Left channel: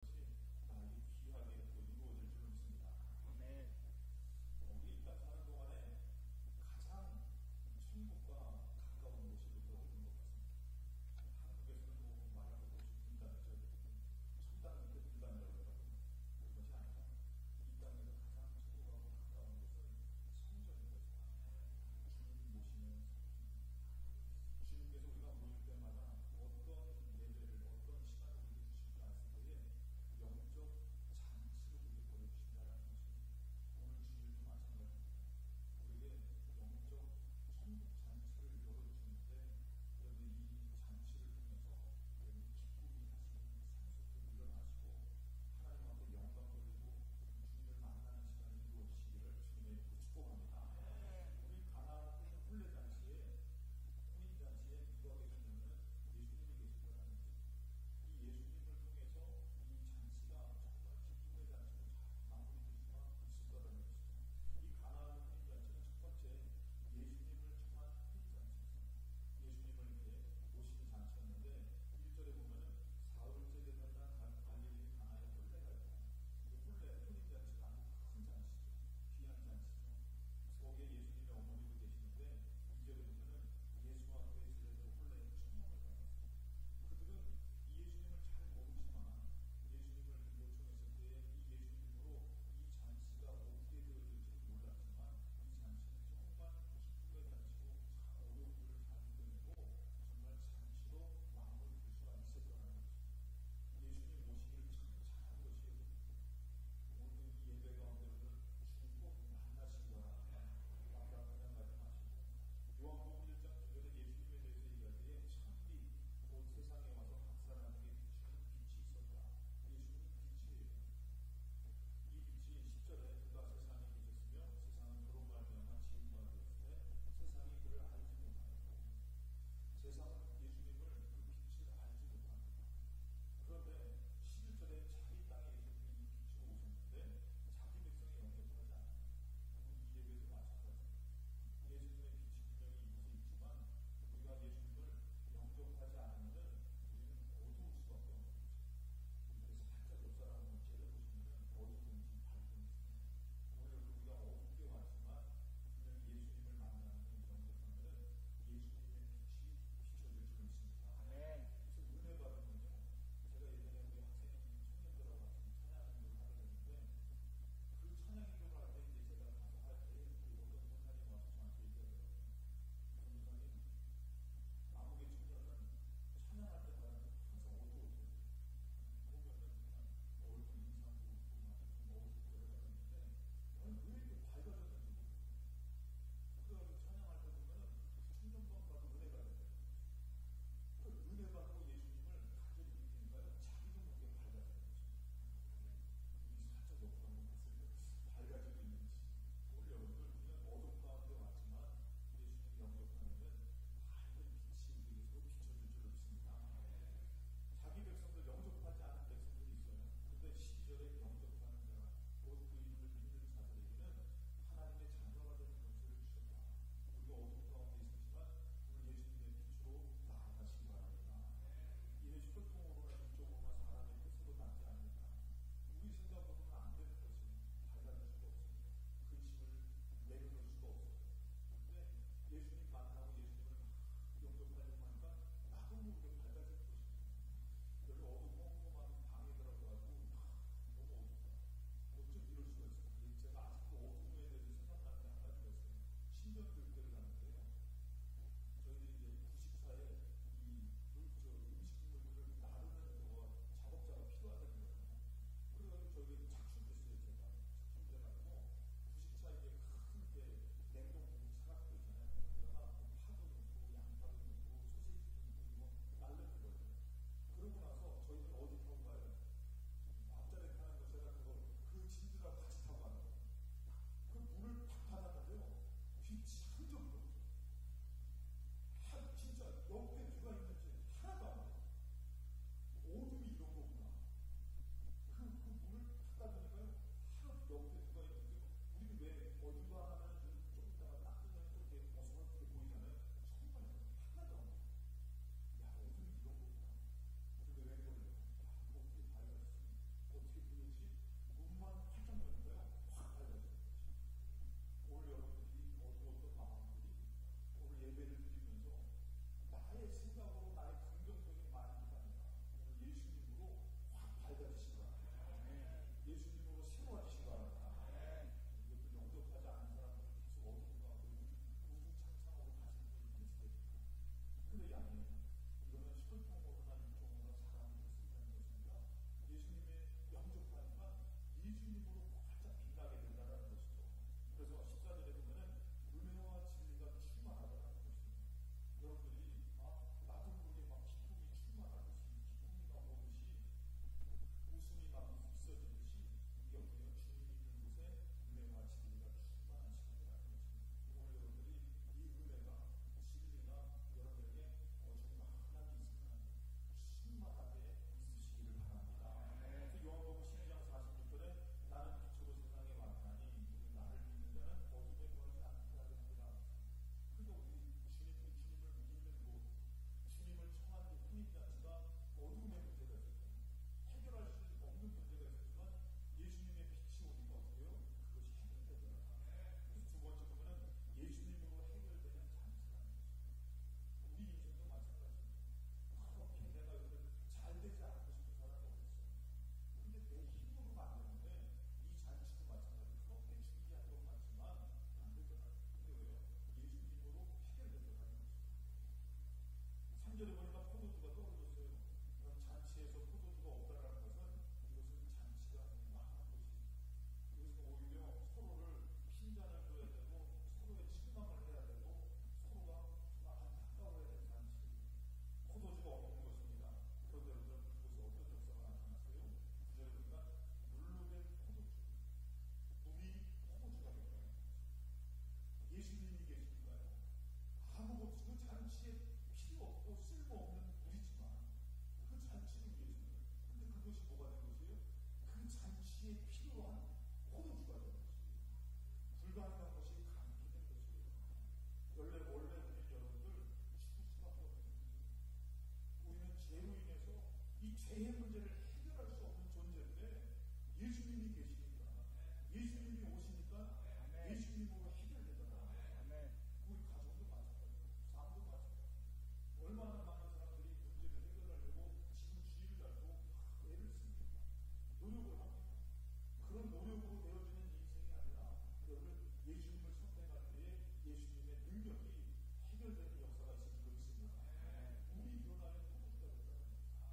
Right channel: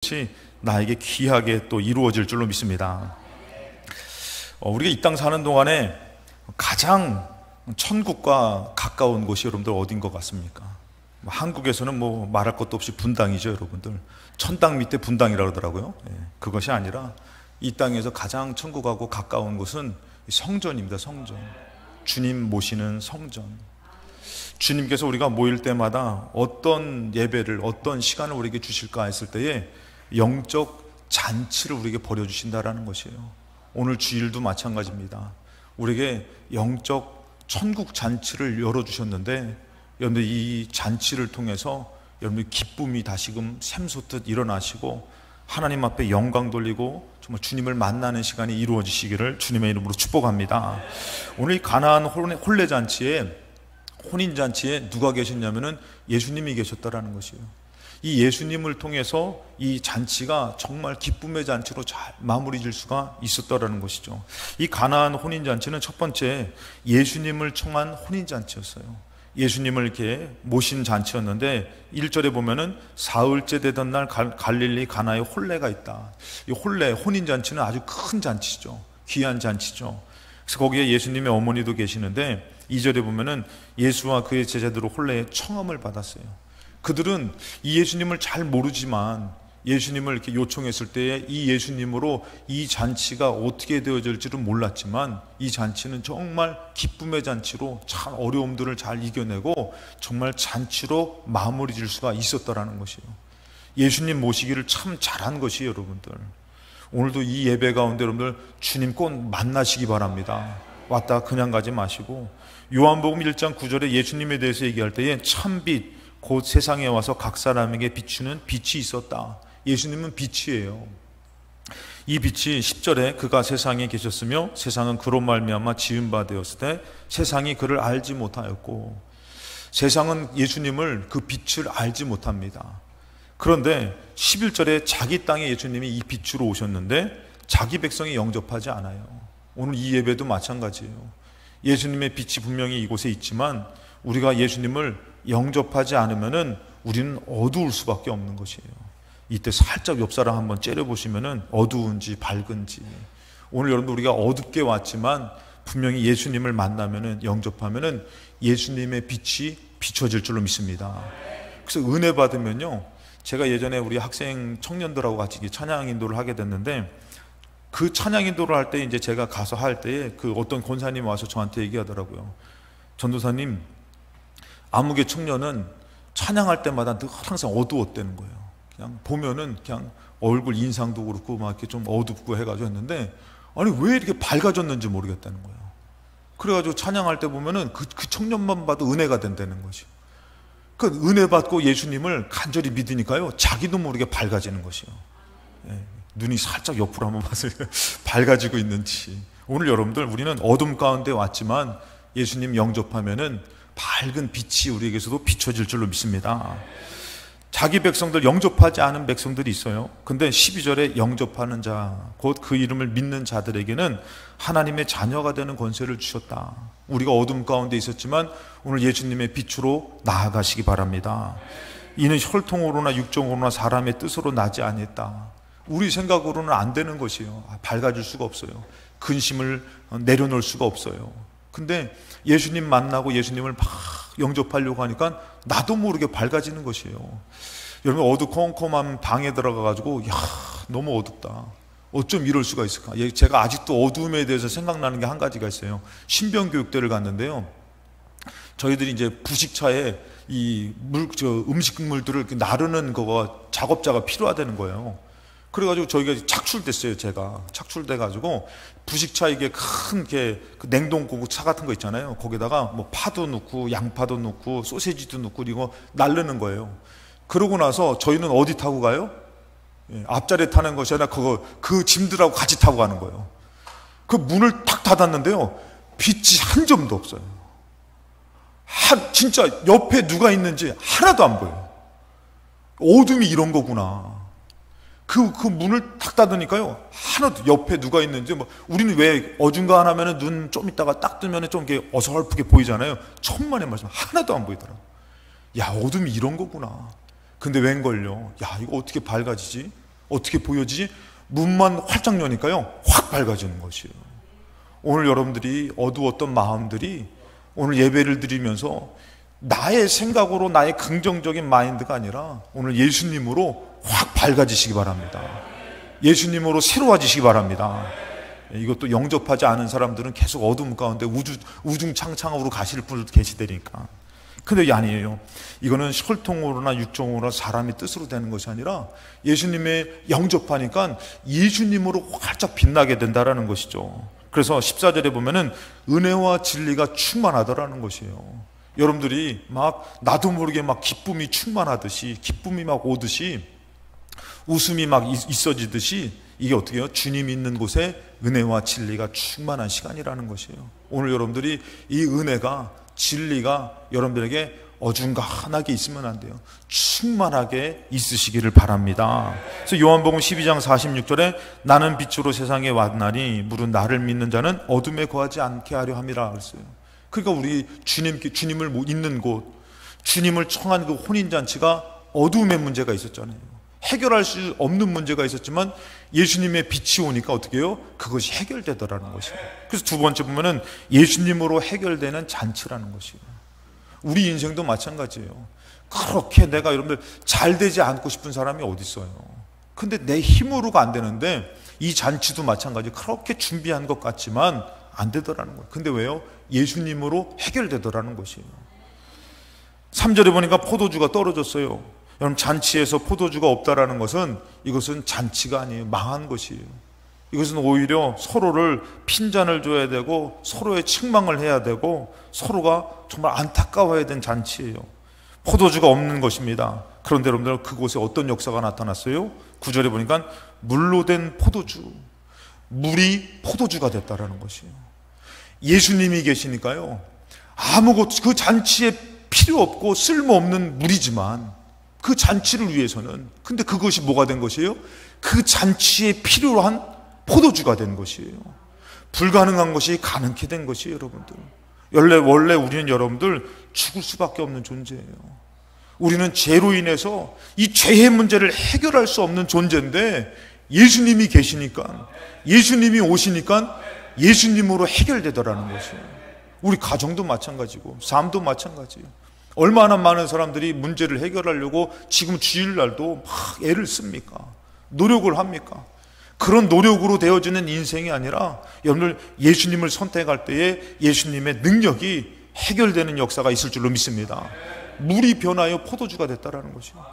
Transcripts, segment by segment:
것이 나에게 귀하게 또 이루어질 줄로 믿습니다. 우리가 이 땅 사는 동안에 가장 천국과 가까운 곳이 여러분들 어딘 것 같습니까? 한국에서는 뭐 말할 것도 없이 분당이죠, 여러분들. 천당 밑에 분당이라고 그러더라고요. 그것이 아니라 이 땅에서 가장 천국하고 가까운 곳은 성전입니다. 성전. 주님 모시는 성전. 주님께서 우리가 모일 때마다 어떤 예배를, 어떤 시간을 우리에게 주실까 했을 때에 영적 잔치를 우리에게 벌여주신다라는 것이에요. 오늘 주일도 마찬가지입니다. 우리에게 영적 천국 잔치를 열어주셨는데, 여러분들 이 잔치를 통해서 여러분들 기쁨이 다시금 샘솟듯 일어나시고 하나님 앞에 영광 돌리고 정말 주님을 만나는 시간이 이루어지시기를 주님의 이름으로 축복합니다. 오늘 이 가나안 혼례잔치에, 혼인잔치에 누가 계셨냐면은 예수님이 계셨다라는 것이에요. 이 예수님을 통해서 이 잔치가 정말 기쁨의 잔치로 잘 마무리 질 수가 있었다라는 것이죠. 이 가나안 혼인잔치는 첫 번째 예수님을 청한 혼인잔치였어요. 예수님을 이렇게 모신 잔치였는데 1절에 보면은 사흘째 되던 날 갈릴리 가나에 혼례가 있다. 이 혼례, 혼인잔치는 아주 큰 잔치죠. 귀한 잔치죠. 그래서 거기에 예수님의 어머니도 계시는데 2절에 보면은 예수와 그의 제자들로 혼례의 청함을 받았어요. 그들은 이 예수님을 잘 모르지만 예수님을 이렇게 요청했을 때에 이 예수님으로 이 잔치가 어떻게 되어질지는 몰랐지만 이 잔치는 정말 기쁨의 잔치로 참 어려움들을 잘 이겨내고 정말 잔치로 마무리 질 수가 있었다라는 것이에요. 예수님 모시기를 참 잘한 것이에요, 여러분들. 오늘도 이 예배 가운데 여러분들 주님 꼭 만나시기 바랍니다. 왔다 그냥 가지 마시고, 요한복음 1장 9절에 예수님에 대해서 얘기할 때에 참빛 곧 세상에 와서 각 사람에게 비추는 빛이 있었다. 예수님은 빛이에요. 이 빛이 10절에 그가 세상에 계셨으며 세상은 그로 말미암아 지은 바 되었을 때 세상이 그를 알지 못하였고, 세상은 예수님을, 그 빛을 알지 못합니다. 그런데 11절에 자기 땅에 예수님이 이 빛으로 오셨는데 자기 백성이 영접하지 않아요. 오늘 이 예배도 마찬가지예요. 예수님의 빛이 분명히 이곳에 있지만 우리가 예수님을 영접하지 않으면은 우리는 어두울 수밖에 없는 것이에요. 이때 살짝 옆 사람 한번 째려보시면은 어두운지 밝은지. 오늘 여러분 우리가 어둡게 왔지만 분명히 예수님을 만나면은, 영접하면은 예수님의 빛이 비춰질 줄로 믿습니다. 그래서 은혜 받으면요, 제가 예전에 우리 학생 청년들하고 같이 찬양 인도를 하게 됐는데, 그 찬양 인도를 할 때 이제 제가 가서 할 때에 그 어떤 권사님이 와서 저한테 얘기하더라고요. 전도사님, 아무개 청년은 찬양할 때마다 늘 항상 어두웠다는 거예요. 그냥 보면은 그냥 얼굴 인상도 그렇고 막 이렇게 좀 어둡고 해가지고 했는데, 아니 왜 이렇게 밝아졌는지 모르겠다는 거예요. 그래가지고 찬양할 때 보면은 그 청년만 봐도 은혜가 된다는 거죠. 그 은혜 받고 예수님을 간절히 믿으니까요, 자기도 모르게 밝아지는 것이요. 눈이 살짝 옆으로 한번 봤어요. 밝아지고 있는지. 오늘 여러분들 우리는 어둠 가운데 왔지만 예수님 영접하면은 밝은 빛이 우리에게서도 비춰질 줄로 믿습니다. 자기 백성들, 영접하지 않은 백성들이 있어요. 근데 12절에 영접하는 자, 곧 그 이름을 믿는 자들에게는 하나님의 자녀가 되는 권세를 주셨다. 우리가 어둠 가운데 있었지만 오늘 예수님의 빛으로 나아가시기 바랍니다. 이는 혈통으로나 육정으로나 사람의 뜻으로 나지 아니했다. 우리 생각으로는 안 되는 것이에요. 밝아질 수가 없어요. 근심을 내려놓을 수가 없어요. 근데 예수님 만나고 예수님을 막 영접하려고 하니까 나도 모르게 밝아지는 것이에요. 여러분, 어두컴컴한 방에 들어가가지고 야, 너무 어둡다, 어쩜 이럴 수가 있을까. 제가 아직도 어두움에 대해서 생각나는 게 한 가지가 있어요. 신병교육대를 갔는데요, 저희들이 이제 부식차에 이 음식물들을 나르는 거가 작업자가 필요하다는 거예요. 그래가지고 저희가 착출됐어요. 제가 착출돼가지고 부식차, 이게 큰 게 그 냉동고 차 같은 거 있잖아요. 거기다가 뭐 파도 넣고 양파도 넣고 소세지도 넣고 이거 날르는 거예요. 그러고 나서 저희는 어디 타고 가요? 앞자리에 타는 것이 아니라 그 짐들하고 같이 타고 가는 거예요. 그 문을 탁 닫았는데요, 빛이 한 점도 없어요. 진짜 옆에 누가 있는지 하나도 안 보여요. 어둠이 이런 거구나. 그 문을 탁 닫으니까요, 하나도 옆에 누가 있는지, 우리는 왜 어중간하면은 눈 좀 있다가 딱 뜨면은 좀 이렇게 어설프게 보이잖아요. 천만의 말씀, 하나도 안 보이더라고. 야, 어둠이 이런 거구나. 근데 웬걸요? 야, 이거 어떻게 밝아지지? 어떻게 보여지지? 문만 활짝 여니까요 확 밝아지는 것이에요. 오늘 여러분들이 어두웠던 마음들이 오늘 예배를 드리면서 나의 생각으로 나의 긍정적인 마인드가 아니라 오늘 예수님으로 확 밝아지시기 바랍니다. 예수님으로 새로워지시기 바랍니다. 이것도 영접하지 않은 사람들은 계속 어둠 가운데 우중창창으로 가실 분들도 계시다니까. 근데 아니에요. 이거는 혈통으로나 육종으로나 사람의 뜻으로 되는 것이 아니라 예수님의 영접하니까 예수님으로 활짝 빛나게 된다라는 것이죠. 그래서 14절에 보면은 은혜와 진리가 충만하더라는 것이에요. 여러분들이 막 나도 모르게 막 기쁨이 충만하듯이, 기쁨이 막 오듯이, 웃음이 막 있어지듯이, 이게 어떻게 해요? 주님이 있는 곳에 은혜와 진리가 충만한 시간이라는 것이에요. 오늘 여러분들이 이 은혜가, 진리가 여러분들에게 어중간하게 있으면 안 돼요. 충만하게 있으시기를 바랍니다. 그래서 요한복음 12장 46절에 나는 빛으로 세상에 왔나니 무릇 나를 믿는 자는 어둠에 거하지 않게 하려 함이라 그랬어요. 그러니까 우리 주님을 있는 곳, 주님을 청한 그 혼인잔치가 어둠의 문제가 있었잖아요. 해결할 수 없는 문제가 있었지만 예수님의 빛이 오니까 어떻게 해요? 그것이 해결되더라는 것이에요. 그래서 두 번째 보면은 예수님으로 해결되는 잔치라는 것이에요. 우리 인생도 마찬가지예요. 그렇게 내가 여러분들 잘 되지 않고 싶은 사람이 어디 있어요? 근데 내 힘으로가 안 되는데 이 잔치도 마찬가지예요. 그렇게 준비한 것 같지만 안 되더라는 거예요. 근데 왜요? 예수님으로 해결되더라는 것이에요. 3절에 보니까 포도주가 떨어졌어요. 여러분, 잔치에서 포도주가 없다라는 것은 이것은 잔치가 아니에요. 망한 것이에요. 이것은 오히려 서로를 핀잔을 줘야 되고 서로의 책망을 해야 되고 서로가 정말 안타까워야 된 잔치예요. 포도주가 없는 것입니다. 그런데 여러분들, 그곳에 어떤 역사가 나타났어요? 9절에 보니까 물로 된 포도주, 물이 포도주가 됐다라는 것이에요. 예수님이 계시니까요, 아무것도, 그 잔치에 필요 없고 쓸모없는 물이지만 그 잔치를 위해서는, 근데 그것이 뭐가 된 것이에요? 그 잔치에 필요한 포도주가 된 것이에요. 불가능한 것이 가능케 된 것이에요. 여러분들, 원래 우리는 여러분들 죽을 수밖에 없는 존재예요. 우리는 죄로 인해서 이 죄의 문제를 해결할 수 없는 존재인데 예수님이 계시니까, 예수님이 오시니까 예수님으로 해결되더라는 것이에요. 우리 가정도 마찬가지고 삶도 마찬가지예요. 얼마나 많은 사람들이 문제를 해결하려고 지금 주일날도 막 애를 씁니까? 노력을 합니까? 그런 노력으로 되어지는 인생이 아니라 여러분들, 예수님을 선택할 때에 예수님의 능력이 해결되는 역사가 있을 줄로 믿습니다. 물이 변하여 포도주가 됐다라는 것이에요.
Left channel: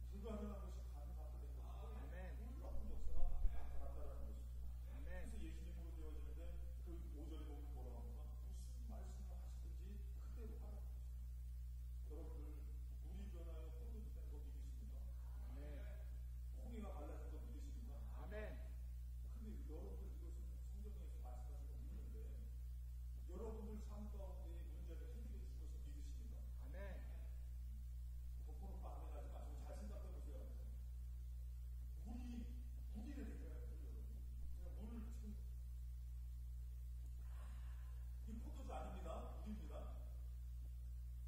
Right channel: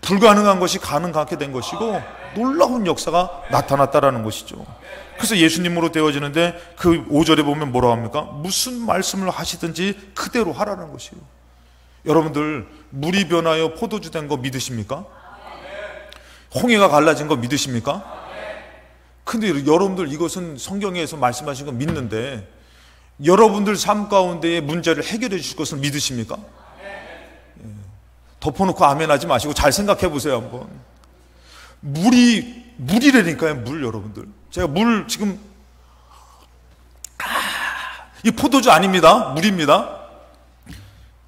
불가능한 것이 가능하게 된 것이고 놀라운 역사가 나타났다라는 것이죠. 그래서 예수님으로 되어지는데 그 5절에 보면 뭐라고 합니까? 무슨 말씀을 하시든지 그대로 하라는 것이에요. 여러분들, 물이 변하여 포도주 된 거 믿으십니까? 홍해가 갈라진 거 믿으십니까? 근데 여러분들, 이것은 성경에서 말씀하신 거 믿는데 여러분들 삶 가운데의 문제를 해결해 주실 것을 믿으십니까? 덮어놓고 아멘 하지 마시고 잘 생각해 보세요. 한번. 물이라니까요. 물. 여러분들, 제가 물 지금 이 포도주 아닙니다. 물입니다.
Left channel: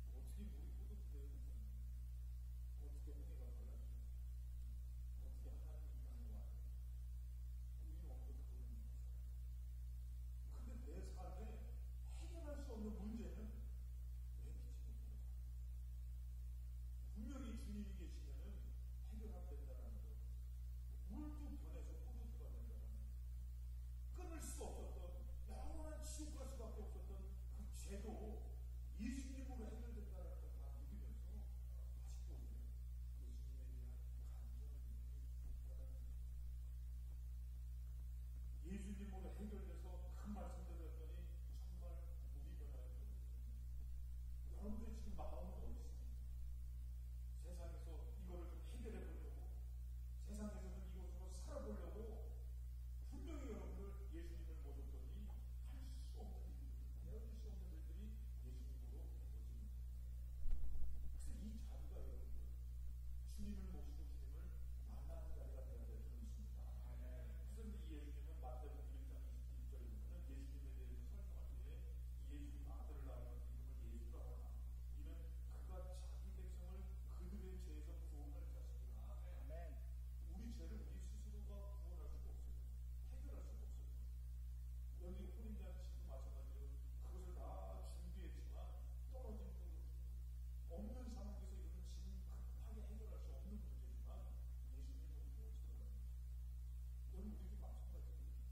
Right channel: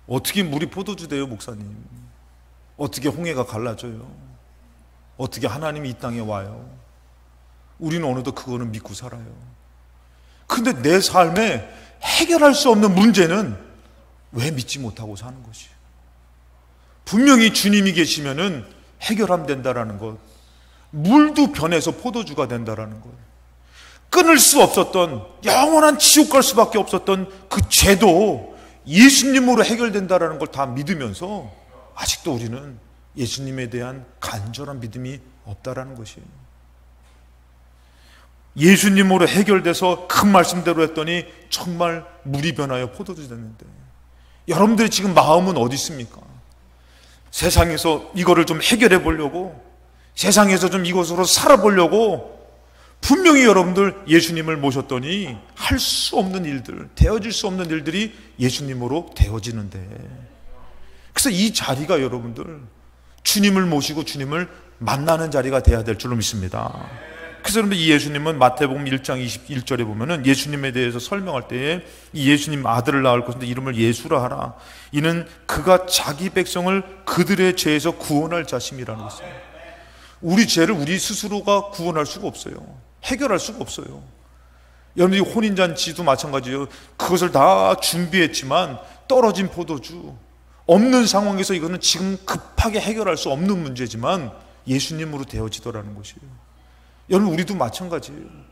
어떻게 물이 포도주 돼요, 목사님? 어떻게 홍해가 갈라져요? 어떻게 하나님이 이 땅에 와요? 우리는 어느덧 그거는 믿고 살아요. 근데 내 삶에 해결할 수 없는 문제는 왜 믿지 못하고 사는 것이에요? 분명히 주님이 계시면은 해결하면 된다라는 것, 물도 변해서 포도주가 된다라는 것, 끊을 수 없었던, 영원한 지옥 갈 수밖에 없었던 그 죄도 예수님으로 해결된다라는 걸 다 믿으면서 아직도 우리는 예수님에 대한 간절한 믿음이 없다라는 것이에요. 예수님으로 해결돼서 큰 말씀대로 했더니 정말 물이 변하여 포도주 됐는데, 여러분들이 지금 마음은 어디 있습니까? 세상에서 이거를 좀 해결해 보려고, 세상에서 좀 이것으로 살아보려고 분명히 여러분들 예수님을 모셨더니 할 수 없는 일들, 되어질 수 없는 일들이 예수님으로 되어지는데, 그래서 이 자리가 여러분들 주님을 모시고 주님을 만나는 자리가 돼야 될 줄로 믿습니다. 그래서 여러분들, 이 예수님은 마태복음 1장 21절에 보면은 예수님에 대해서 설명할 때에 이 예수님 아들을 낳을 것인데 이름을 예수라 하라. 이는 그가 자기 백성을 그들의 죄에서 구원할 자심이라는 것입니다. 우리 죄를 우리 스스로가 구원할 수가 없어요. 해결할 수가 없어요. 여러분들이 혼인잔치도 마찬가지예요. 그것을 다 준비했지만 떨어진 포도주, 없는 상황에서 이거는 지금 급하게 해결할 수 없는 문제지만 예수님으로 되어지더라는 것이에요. 여러분, 우리도 마찬가지예요.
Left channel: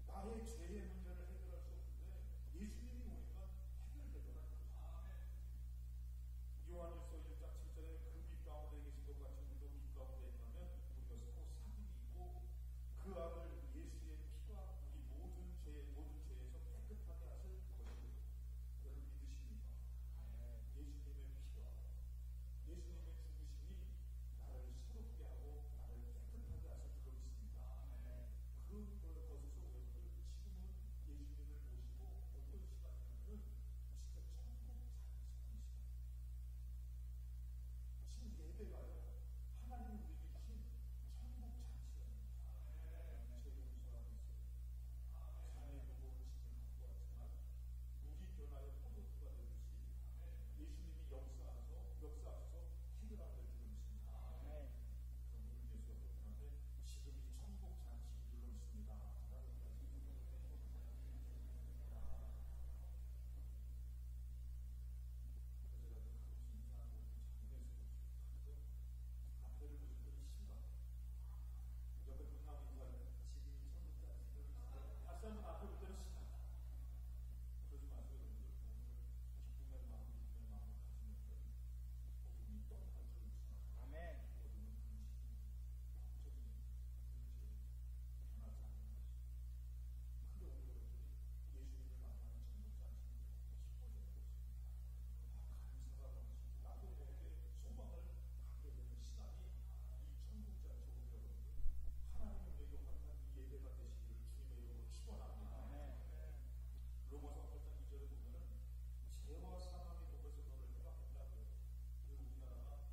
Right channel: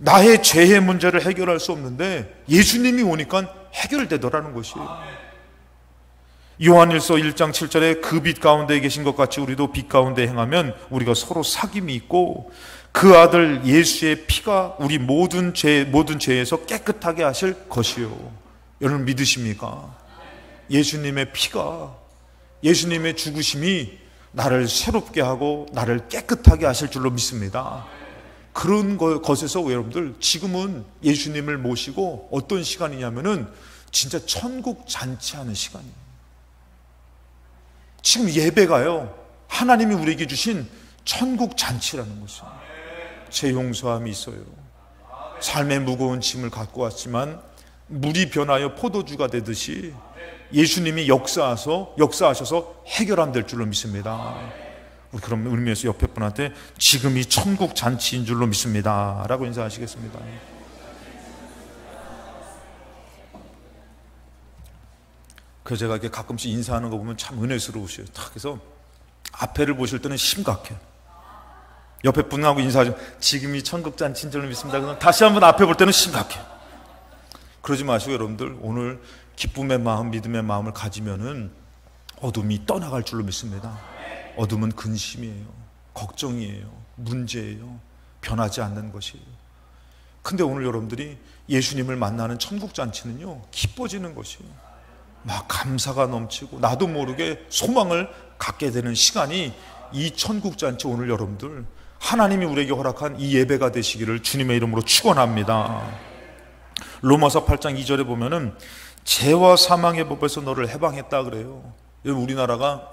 나의 죄의 문제를 해결할 수 없는데 예수님이 오니까 해결되더라는 것이에요. 요한일서 1장 7절에 그 빛 가운데 계신 것 같이 우리도 빛 가운데 행하면 우리가 서로 사귐이 있고 그 아들 예수의 피가 우리 모든 죄에서 깨끗하게 하실 것이요. 여러분 믿으십니까? 예수님의 피가, 예수님의 죽으심이 나를 새롭게 하고 나를 깨끗하게 하실 줄로 믿습니다. 그런 것에서 여러분들 지금은 예수님을 모시고 어떤 시간이냐면은 진짜 천국 잔치하는 시간이에요. 지금 예배가요, 하나님이 우리에게 주신 천국 잔치라는 것이에요. 제 용서함이 있어요. 삶의 무거운 짐을 갖고 왔지만 물이 변하여 포도주가 되듯이 예수님이 역사하셔서 해결하면 될 줄로 믿습니다. 그런 의미에서 옆에 분한테 지금이 천국 잔치인 줄로 믿습니다 라고 인사하시겠습니다. 그래서 제가 이렇게 가끔씩 인사하는 거 보면 참 은혜스러우셔요. 그래서 앞에를 보실 때는 심각해. 옆에 분하고 인사하죠. 지금이 천국 잔치인 줄로 믿습니다. 그럼 다시 한번 앞에 볼 때는 심각해. 그러지 마시고 여러분들, 오늘 기쁨의 마음, 믿음의 마음을 가지면은 어둠이 떠나갈 줄로 믿습니다. 어둠은 근심이에요, 걱정이에요, 문제예요, 변하지 않는 것이에요. 근데 오늘 여러분들이 예수님을 만나는 천국 잔치는요, 기뻐지는 것이에요. 막 감사가 넘치고 나도 모르게 소망을 갖게 되는 시간이 이 천국 잔치, 오늘 여러분들 하나님이 우리에게 허락한 이 예배가 되시기를 주님의 이름으로 축원합니다. 로마서 8장 2절에 보면은 죄와 사망의 법에서 너를 해방했다 그래요. 우리나라가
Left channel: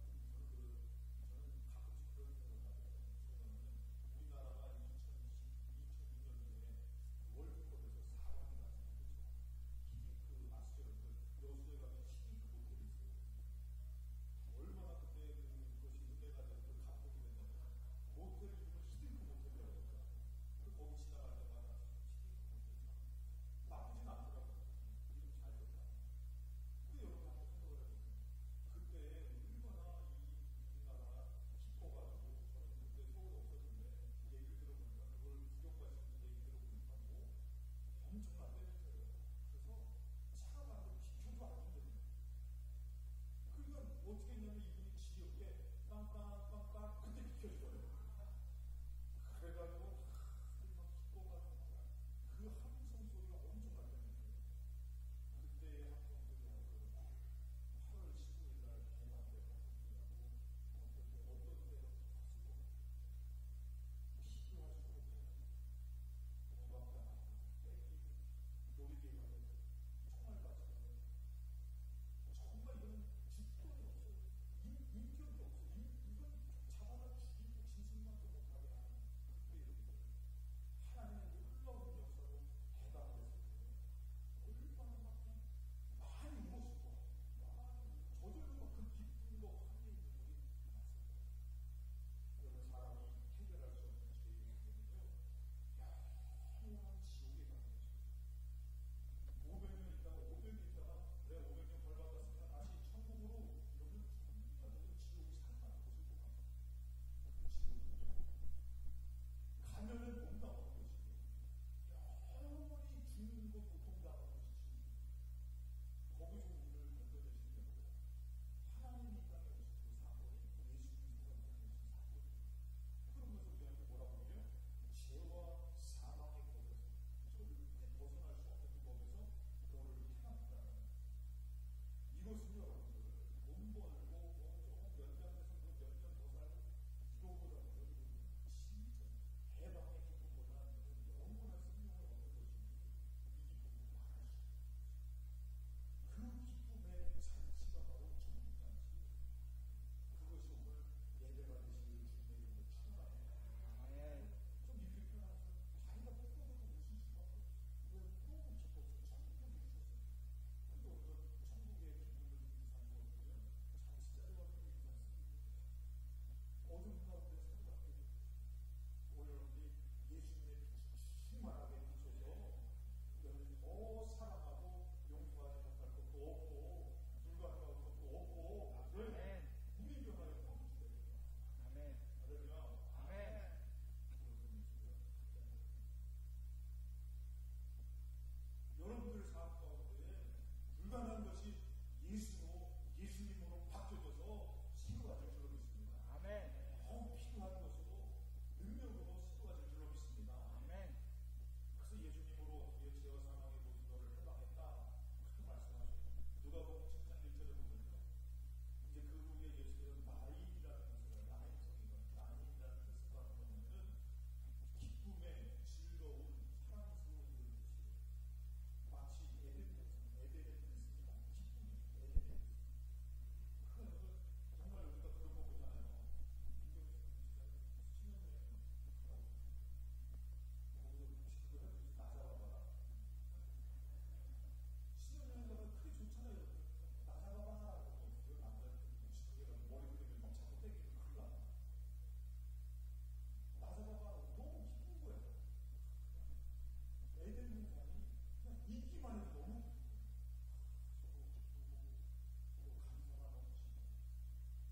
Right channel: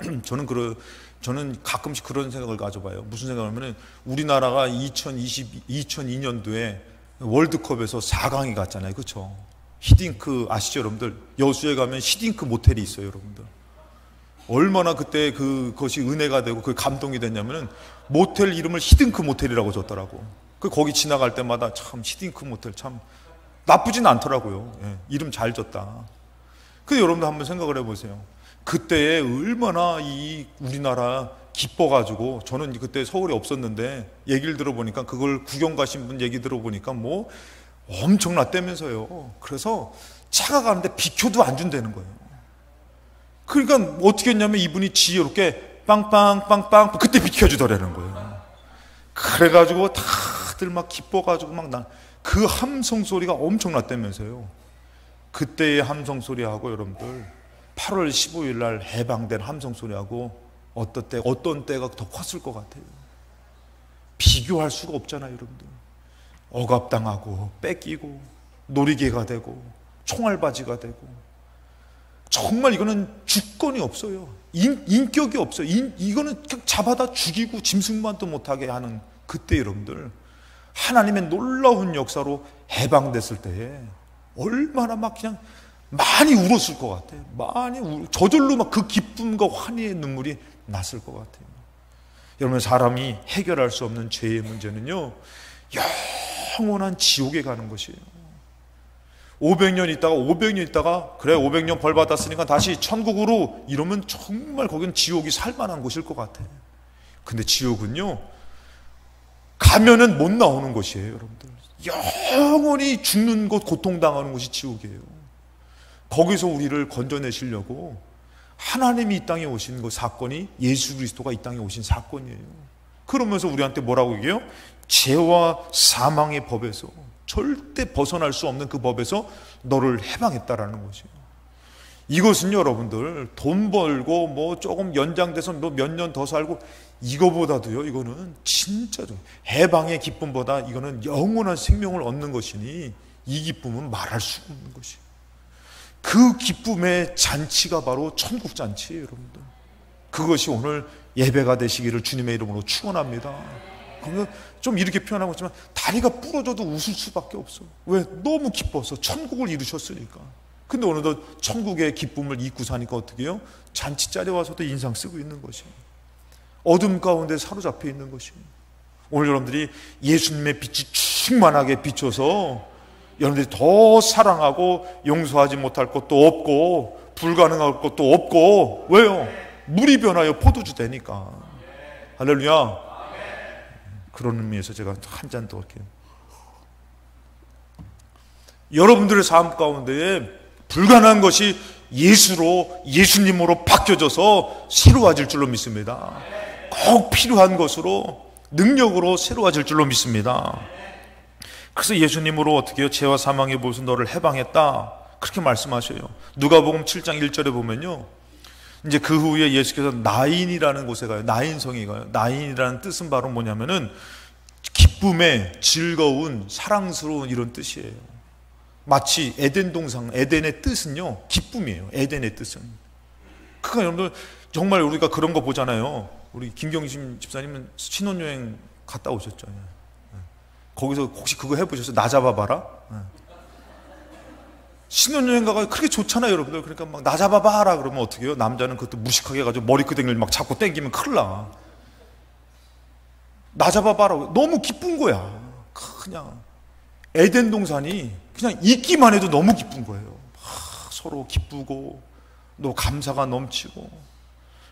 저는 가끔씩 그런 생각을 가져봐요. 무슨 생각하면은 우리나라가 2002년도에 월드컵에서 4강에 갔잖아요. 그렇죠? 히딩크 아시죠, 여러분들? 여수에 가면 히딩크 모텔이 있어요, 여러분들. 얼마나 그때 그것이 은혜가 되고 그 감동이 됐냐면은 모텔 이름을 히딩크 모텔이라고 줬더라고. 거기 지나갈 때마다 참 히딩크 모텔 참 나쁘진 않더라고요. 예, 이름 잘 줬다. 근데 여러분들 한번 생각을 해보세요. 그때에 얼마나 이 우리나라 기뻐가지고, 저는 그때 서울에 없었는데 얘기를 들어보니까, 그걸 구경 가신 분 얘기 들어보니까 뭐 엄청났다면서요. 그래서 차가 가는데 비켜도 안 준다는 거예요. 그러니까 어떻게 했냐면 이분이 지혜롭게 빵빵빵빵 그때 비켜주더라는 거예요. 그래가지고 다들 막 기뻐가지고 그 함성 소리가 엄청났다면서요. 그때의 함성 소리하고 여러분들 8월 15일 날 해방된 함성 소리하고 어떤 때가 더 컸을 것 같아요. 비교할 수가 없잖아요, 여러분들. 억압당하고 뺏기고 놀이개가 되고 총알바지가 되고, 정말 이거는 주권이 없어요. 인격이 없어요. 이거는 그냥 잡아다 죽이고 짐승만도 못하게 하는 그때 여러분들, 하나님의 놀라운 역사로 해방됐을 때에 얼마나 막 그냥 많이 울었을 것 같아요. 저절로 막 그 기쁨과 환희의 눈물이 났을 것 같아요. 여러분, 사람이 해결할 수 없는 죄의 문제는요, 영원한 지옥에 가는 것이에요. 500년 있다가 그래 500년 벌 받았으니까 다시 천국으로, 이러면 정말 거긴 지옥이 살만한 곳일 것 같아요. 근데 지옥은요, 가면은 못 나오는 곳이에요, 여러분들. 영원히 죽는 곳, 고통당하는 곳이 지옥이에요. 거기서 우리를 건져내시려고 하나님이 이 땅에 오신 그 사건이, 예수 그리스도가 이 땅에 오신 사건이에요. 그러면서 우리한테 뭐라고 얘기해요? 죄와 사망의 법에서, 절대 벗어날 수 없는 그 법에서 너를 해방했다라는 것이에요. 이것은 여러분들 돈 벌고 뭐 조금 연장돼서 뭐 몇 년 더 살고 이거보다도요, 이거는 진짜 해방의 기쁨보다 이거는 영원한 생명을 얻는 것이니, 이 기쁨은 말할 수 없는 것이에요. 그 기쁨의 잔치가 바로 천국 잔치예요, 여러분들. 그것이 오늘 예배가 되시기를 주님의 이름으로 축원합니다. 그러면 좀 이렇게 표현하고 있지만 다리가 부러져도 웃을 수밖에 없어. 왜? 너무 기뻐서 천국을 이루셨으니까. 근데 오늘도 천국의 기쁨을 잊고 사니까 어떻게 해요? 잔치 자리에 와서도 인상 쓰고 있는 것이에요. 어둠 가운데 사로잡혀 있는 것이. 오늘 여러분들이 예수님의 빛이 충만하게 비춰서 여러분들이 더 사랑하고 용서하지 못할 것도 없고 불가능할 것도 없고, 왜요? 물이 변하여 포도주 되니까. 할렐루야. 그런 의미에서 제가 한 잔 더 할게요. 여러분들의 삶 가운데에 불가능한 것이 예수님으로 바뀌어져서 새로워질 줄로 믿습니다. 꼭 필요한 것으로, 능력으로 새로워질 줄로 믿습니다. 그래서 예수님으로 어떻게 해요? 죄와 사망의 못에서 너를 해방했다, 그렇게 말씀하셔요. 누가복음 7장 1절에 보면요, 이제 그 후에 예수께서 나인이라는 곳에 가요. 나인성에 가요. 나인이라는 뜻은 바로 뭐냐면은 기쁨의, 즐거운, 사랑스러운 이런 뜻이에요. 마치 에덴 동산, 에덴의 뜻은요 기쁨이에요. 에덴의 뜻은. 그러니까 여러분들 정말 우리가 그런 거 보잖아요. 우리 김경심 집사님은 신혼여행 갔다 오셨죠. 거기서 혹시 그거 해보셨어요? 나 잡아봐라. 신혼여행 가가 그렇게 좋잖아요, 여러분들. 그러니까 막 나 잡아봐라 그러면 어떻게 해요? 남자는 그것도 무식하게 해가지고 머리끄댕이를 막 잡고 땡기면 큰일 나. 나 잡아봐라. 너무 기쁜 거야. 그냥 에덴 동산이 그냥 있기만 해도 너무 기쁜 거예요. 서로 기쁘고 또 감사가 넘치고.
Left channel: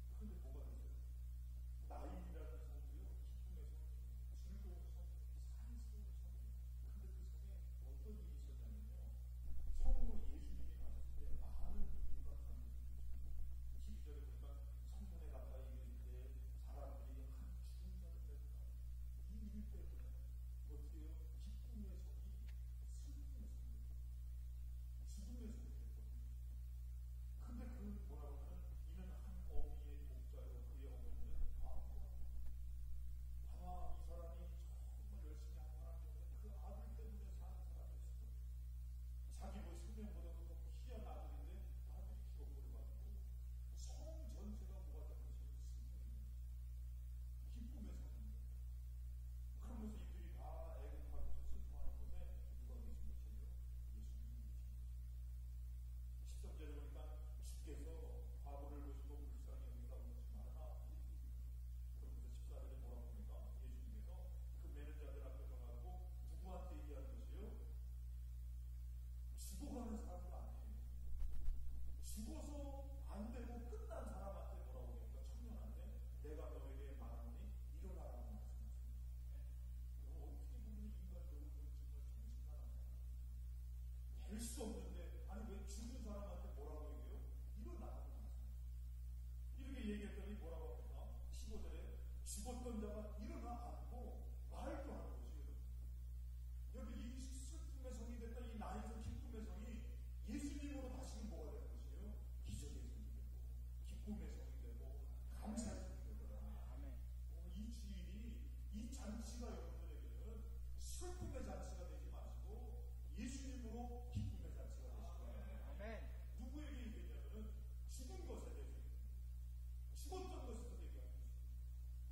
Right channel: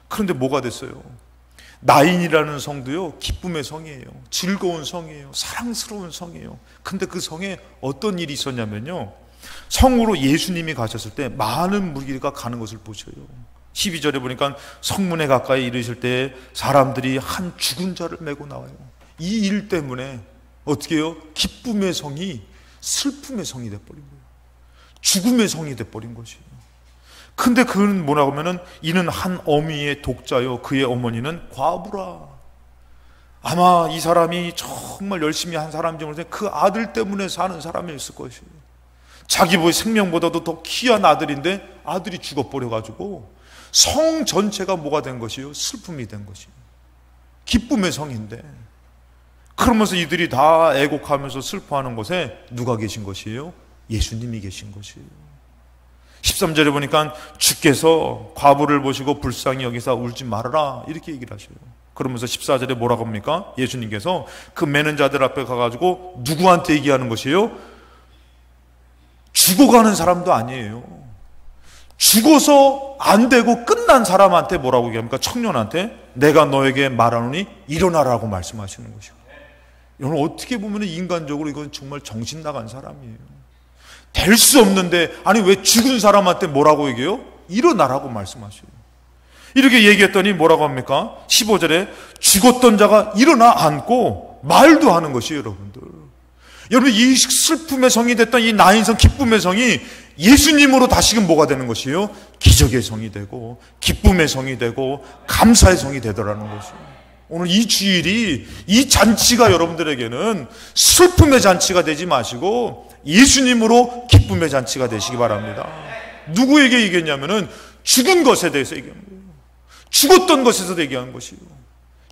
그런데 뭐가 됐어요? 나인이라는 성도요, 기쁨의 성이에요. 즐거운 성이에요. 사랑스러운 성이에요. 근데 그 성에 어떤 일이 있었냐면요, 성으로 예수님이 가셨을 때 많은 무리가 가는 것을 보셔요. 12절에 보니까 성문에 가까이 이르실 때 사람들이 한 죽은 자를 메고 나와요. 이 일 때문에 어떻게 해요? 기쁨의 성이 슬픔의 성이 돼버린 거예요. 죽음의 성이 돼버린 것이에요. 근데 그는 뭐라고 하면은 이는 한 어미의 독자요, 그의 어머니는 과부라. 아마 이 사람이 정말 열심히 한 사람인지 모르겠는데 그 아들 때문에 사는 사람이었을 것이에요. 자기 생명보다도 더 귀한 아들인데 아들이 죽어버려가지고 성 전체가 뭐가 된 것이요? 슬픔이 된 것이에요. 기쁨의 성인데. 그러면서 이들이 다 애곡하면서 슬퍼하는 곳에 누가 계신 것이에요? 예수님이 계신 것이에요. 13절에 보니까 주께서 과부를 보시고 불쌍히 여기사 울지 말아라, 이렇게 얘기를 하셔요. 그러면서 14절에 뭐라고 합니까? 예수님께서 그 매는 자들 앞에 가가지고 누구한테 얘기하는 것이에요? 죽어가는 사람도 아니에요. 죽어서 안 되고 끝난 사람한테 뭐라고 얘기합니까? 청년한테 내가 너에게 말하노니 일어나라고 말씀하시는 것이고. 여러분, 어떻게 보면 인간적으로 이건 정말 정신 나간 사람이에요. 될 수 없는데, 아니 왜 죽은 사람한테 뭐라고 얘기해요? 일어나라고 말씀하셔요. 이렇게 얘기했더니 뭐라고 합니까? 15절에 죽었던 자가 일어나 앉고 말도 하는 것이에요. 여러분들, 여러분, 이 슬픔의 성이 됐던 이 나인성, 기쁨의 성이 예수님으로 다시금 뭐가 되는 것이에요? 기적의 성이 되고 기쁨의 성이 되고 감사의 성이 되더라는 것이에요. 오늘 이 주일이, 이 잔치가 여러분들에게는 슬픔의 잔치가 되지 마시고 예수님으로 기쁨의 잔치가 되시기 바랍니다. 누구에게 얘기했냐면은 죽은 것에 대해서 얘기하는 거예요. 죽었던 것에서 얘기하는 것이에요.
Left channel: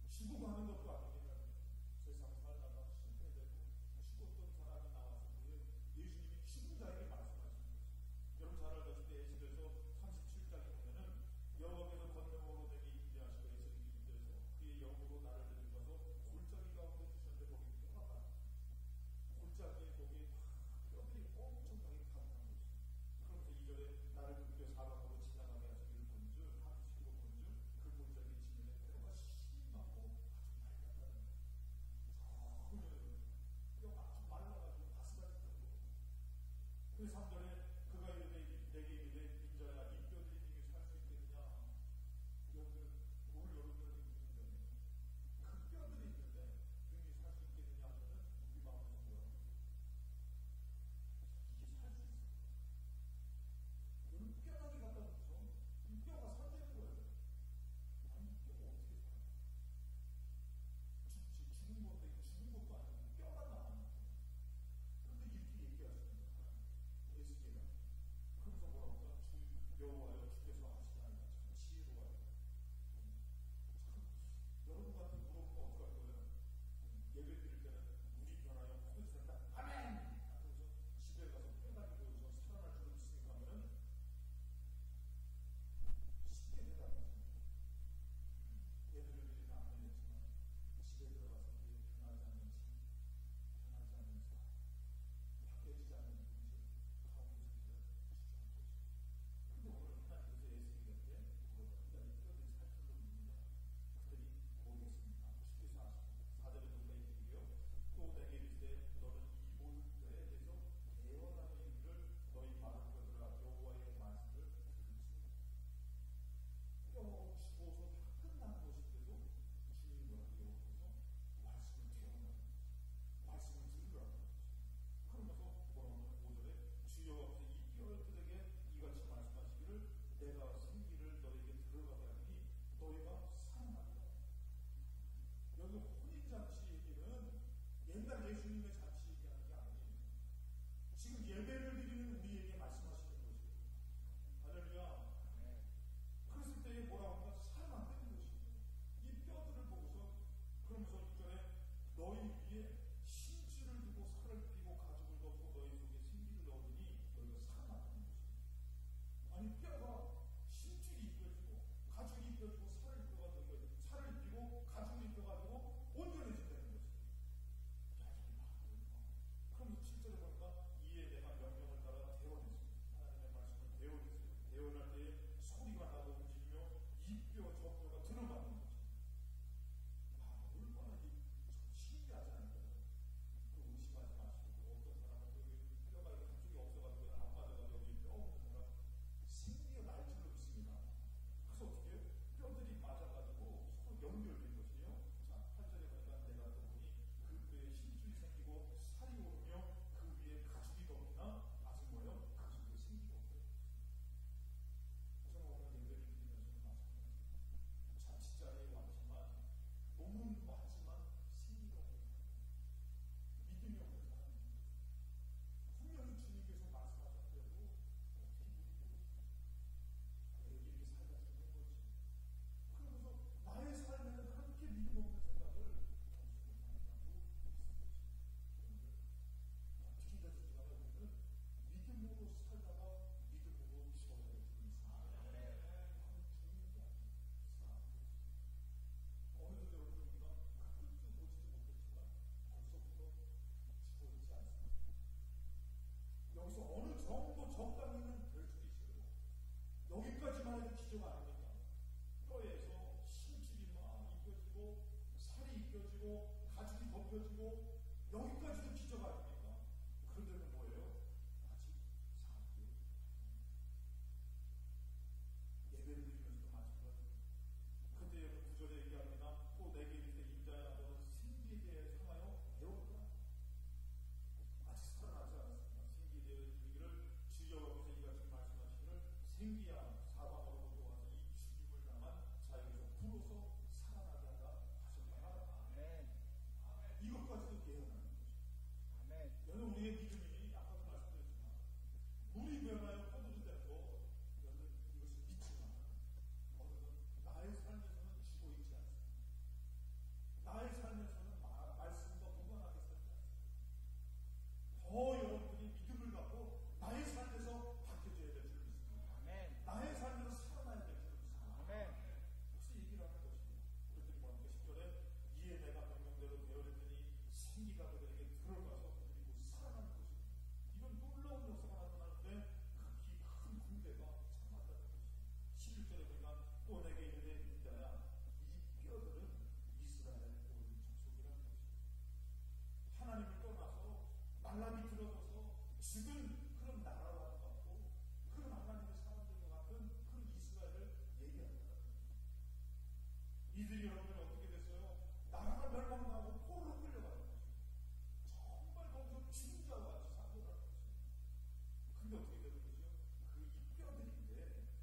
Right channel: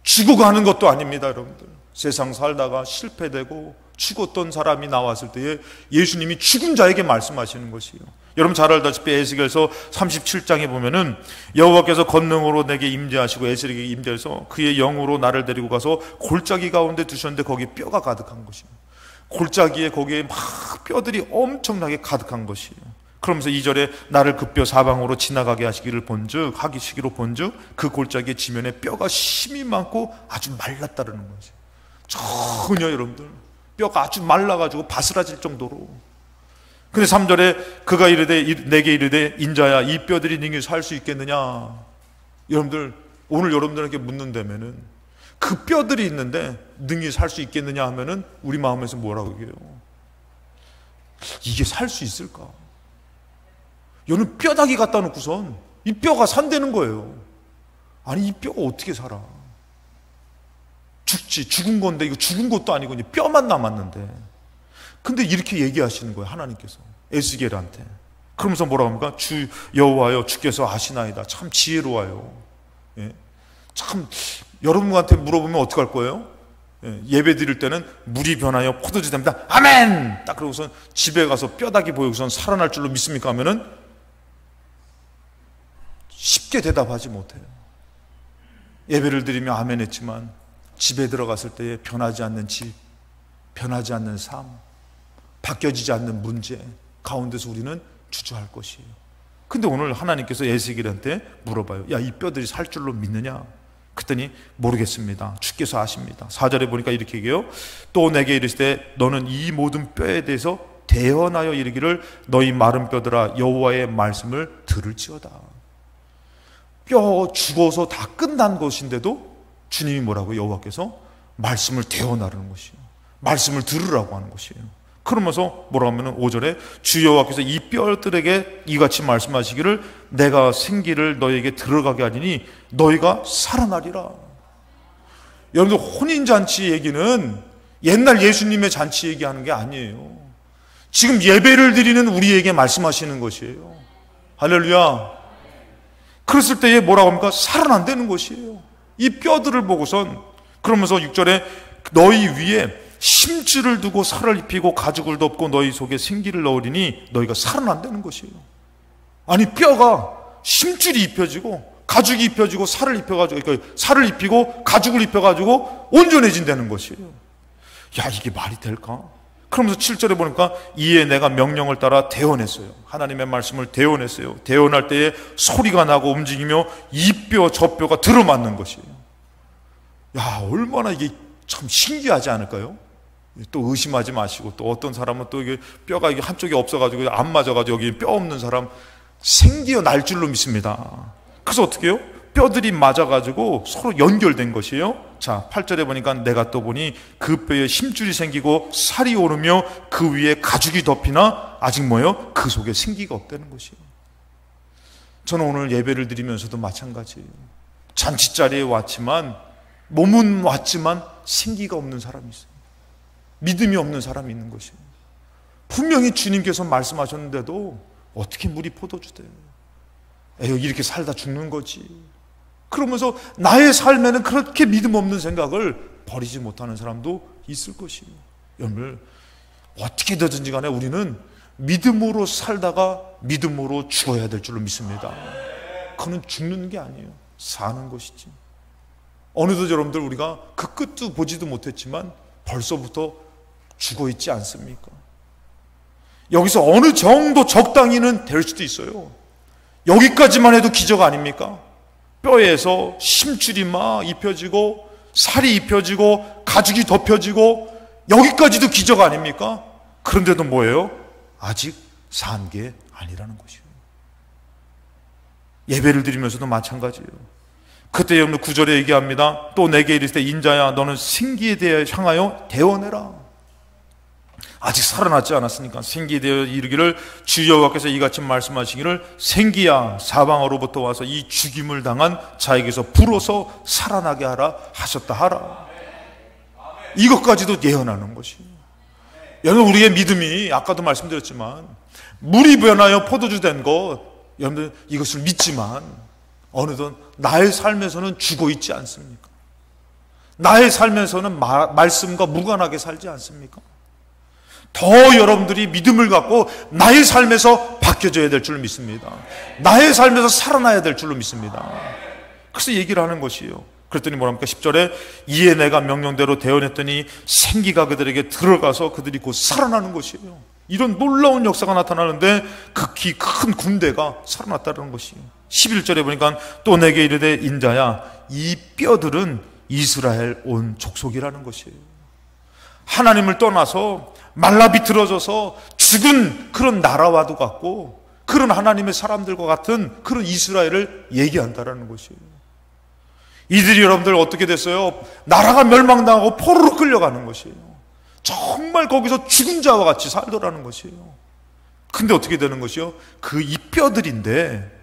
죽어가는 것도 아닙니다, 여러분들. 세상 살다가 실패되고 죽었던 사람이 나왔을 때에 예수님이 죽은 자에게 말씀하시는 것이에요. 여러분 잘 알다시피 에스겔서 37장에 보면은 여호와께서 권능으로 내게 임재하시고 에스겔에게 임재해서 그의 영으로 나를 데리고 가서 골짜기 가운데 두셨는데 거기에 뼈가 가득한 것이에요. 골짜기에 거기에 막 뼈들이 엄청나게 가득한 것이에요. 그러면서 2절에 나를 그 뼈 사방으로 지나가게 하시기로 본즉 그 골짜기의 지면에 뼈가 심이 많고 아주 말랐다는 거죠. 전혀 여러분들 뼈가 아주 말라가지고 바스라질 정도로. 근데 3절에 그가 이르되 내게 이르되 인자야 이 뼈들이 능히 살 수 있겠느냐. 여러분들 오늘 여러분들에게 묻는다면은 그 뼈들이 있는데 능히 살 수 있겠느냐 하면은 우리 마음에서 뭐라고 얘기해요? 이게 살 수 있을까? 여러분 뼈다귀 갖다 놓고선 이 뼈가 산다는 거예요. 아니 이 뼈가 어떻게 살아? 죽은 건데 이거 죽은 것도 아니고 이제 뼈만 남았는데. 근데 이렇게 얘기하시는 거예요, 하나님께서 에스겔한테. 그러면서 뭐라고 합니까? 주 여호와여 주께서 아시나이다. 참 지혜로워요. 예? 참 여러분한테 물어보면 어떡할 거예요? 예배 드릴 때는 물이 변하여 포도주 됩니다. 아멘! 딱 그러고선 집에 가서 뼈다귀 보여서는 살아날 줄로 믿습니까? 하면은 쉽게 대답하지 못해요. 예배를 드리며 아멘 했지만 집에 들어갔을 때 변하지 않는 집, 변하지 않는 삶, 바뀌어지지 않는 문제 가운데서 우리는 주저할 것이에요. 근데 오늘 하나님께서 에스겔한테 물어봐요. 야, 이 뼈들이 살 줄로 믿느냐? 그랬더니 모르겠습니다. 주께서 아십니다. 4절에 보니까 이렇게 얘기해요. 또 내게 이르시되 너는 이 모든 뼈에 대해서 대언하여 이르기를 너희 마른 뼈들아 여호와의 말씀을 들을지어다. 뼈 죽어서 다 끝난 것인데도 주님이 뭐라고? 여호와께서 말씀을 대언하라는 것이에요. 말씀을 들으라고 하는 것이에요. 그러면서 뭐라고 하면 5절에 주 여호와께서 이 뼈들에게 이같이 말씀하시기를 내가 생기를 너에게 들어가게 하리니 너희가 살아나리라. 여러분들 혼인잔치 얘기는 옛날 예수님의 잔치 얘기하는 게 아니에요. 지금 예배를 드리는 우리에게 말씀하시는 것이에요. 할렐루야. 그랬을 때에 뭐라고 합니까? 살아난다는 것이에요. 이 뼈들을 보고선. 그러면서 6절에 너희 위에 심줄을 두고 살을 입히고 가죽을 덮고 너희 속에 생기를 넣으리니 너희가 살아난다는 것이에요. 아니 뼈가 심줄이 입혀지고 가죽이 입혀지고 살을 입혀가지고, 그러니까 살을 입히고 가죽을 입혀가지고 온전해진다는 것이에요. 야, 이게 말이 될까? 그러면서 7절에 보니까 이에 내가 명령을 따라 대언했어요. 하나님의 말씀을 대언했어요. 대언할 때에 소리가 나고 움직이며 이 뼈 저 뼈가 들어맞는 것이에요. 야, 얼마나 이게 참 신기하지 않을까요? 또 의심하지 마시고, 또 어떤 사람은 또 이게 뼈가 이게 한쪽이 없어가지고 안 맞아가지고 여기 뼈 없는 사람 생기어 날 줄로 믿습니다. 그래서 어떻게 해요? 뼈들이 맞아가지고 서로 연결된 것이에요. 자, 8절에 보니까 내가 또 보니 그 뼈에 힘줄이 생기고 살이 오르며 그 위에 가죽이 덮이나 아직 뭐예요? 그 속에 생기가 없다는 것이에요. 저는 오늘 예배를 드리면서도 마찬가지예요. 잔치자리에 왔지만, 몸은 왔지만 생기가 없는 사람이 있어요. 믿음이 없는 사람이 있는 것이에요. 분명히 주님께서 말씀하셨는데도 어떻게 물이 포도주 돼요? 에휴, 이렇게 살다 죽는 거지. 그러면서 나의 삶에는 그렇게 믿음 없는 생각을 버리지 못하는 사람도 있을 것이에요. 여러분, 어떻게 되든지 간에 우리는 믿음으로 살다가 믿음으로 죽어야 될 줄로 믿습니다. 그는 죽는 게 아니에요. 사는 것이지. 어느덧 여러분들 우리가 그 끝도 보지도 못했지만 벌써부터 죽어 있지 않습니까? 여기서 어느 정도 적당히는 될 수도 있어요. 여기까지만 해도 기적 아닙니까? 뼈에서 심줄이 막 입혀지고 살이 입혀지고 가죽이 덮여지고 여기까지도 기적 아닙니까? 그런데도 뭐예요? 아직 산 게 아니라는 것이에요. 예배를 드리면서도 마찬가지예요. 그때 여러분 9절에 얘기합니다. 또 내게 이르시되 인자야 너는 생기에 대해 향하여 대언해라. 아직 살아났지 않았으니까 생기에 대해 이르기를 주 여호와께서 이같이 말씀하시기를 생기야 사방으로부터 와서 이 죽임을 당한 자에게서 불어서 살아나게 하라 하셨다 하라. 이것까지도 예언하는 것이에요. 여러분, 우리의 믿음이 아까도 말씀드렸지만 물이 변하여 포도주 된 것, 여러분들 이것을 믿지만 어느덧 나의 삶에서는 죽어 있지 않습니까? 나의 삶에서는 말씀과 무관하게 살지 않습니까? 더 여러분들이 믿음을 갖고 나의 삶에서 바뀌어져야 될 줄로 믿습니다. 나의 삶에서 살아나야 될 줄로 믿습니다. 그래서 얘기를 하는 것이에요. 그랬더니 뭐랍니까? 10절에 이에 내가 명령대로 대언했더니 생기가 그들에게 들어가서 그들이 곧 살아나는 것이에요. 이런 놀라운 역사가 나타나는데 극히 큰 군대가 살아났다는 것이에요. 11절에 보니까 또 내게 이르되 인자야 이 뼈들은 이스라엘 온 족속이라는 것이에요. 하나님을 떠나서 말라 비틀어져서 죽은 그런 나라와도 같고 그런 하나님의 사람들과 같은 그런 이스라엘을 얘기한다라는 것이에요. 이들이 여러분들 어떻게 됐어요? 나라가 멸망당하고 포로로 끌려가는 것이에요. 정말 거기서 죽은 자와 같이 살더라는 것이에요. 근데 어떻게 되는 것이요? 그 이 뼈들인데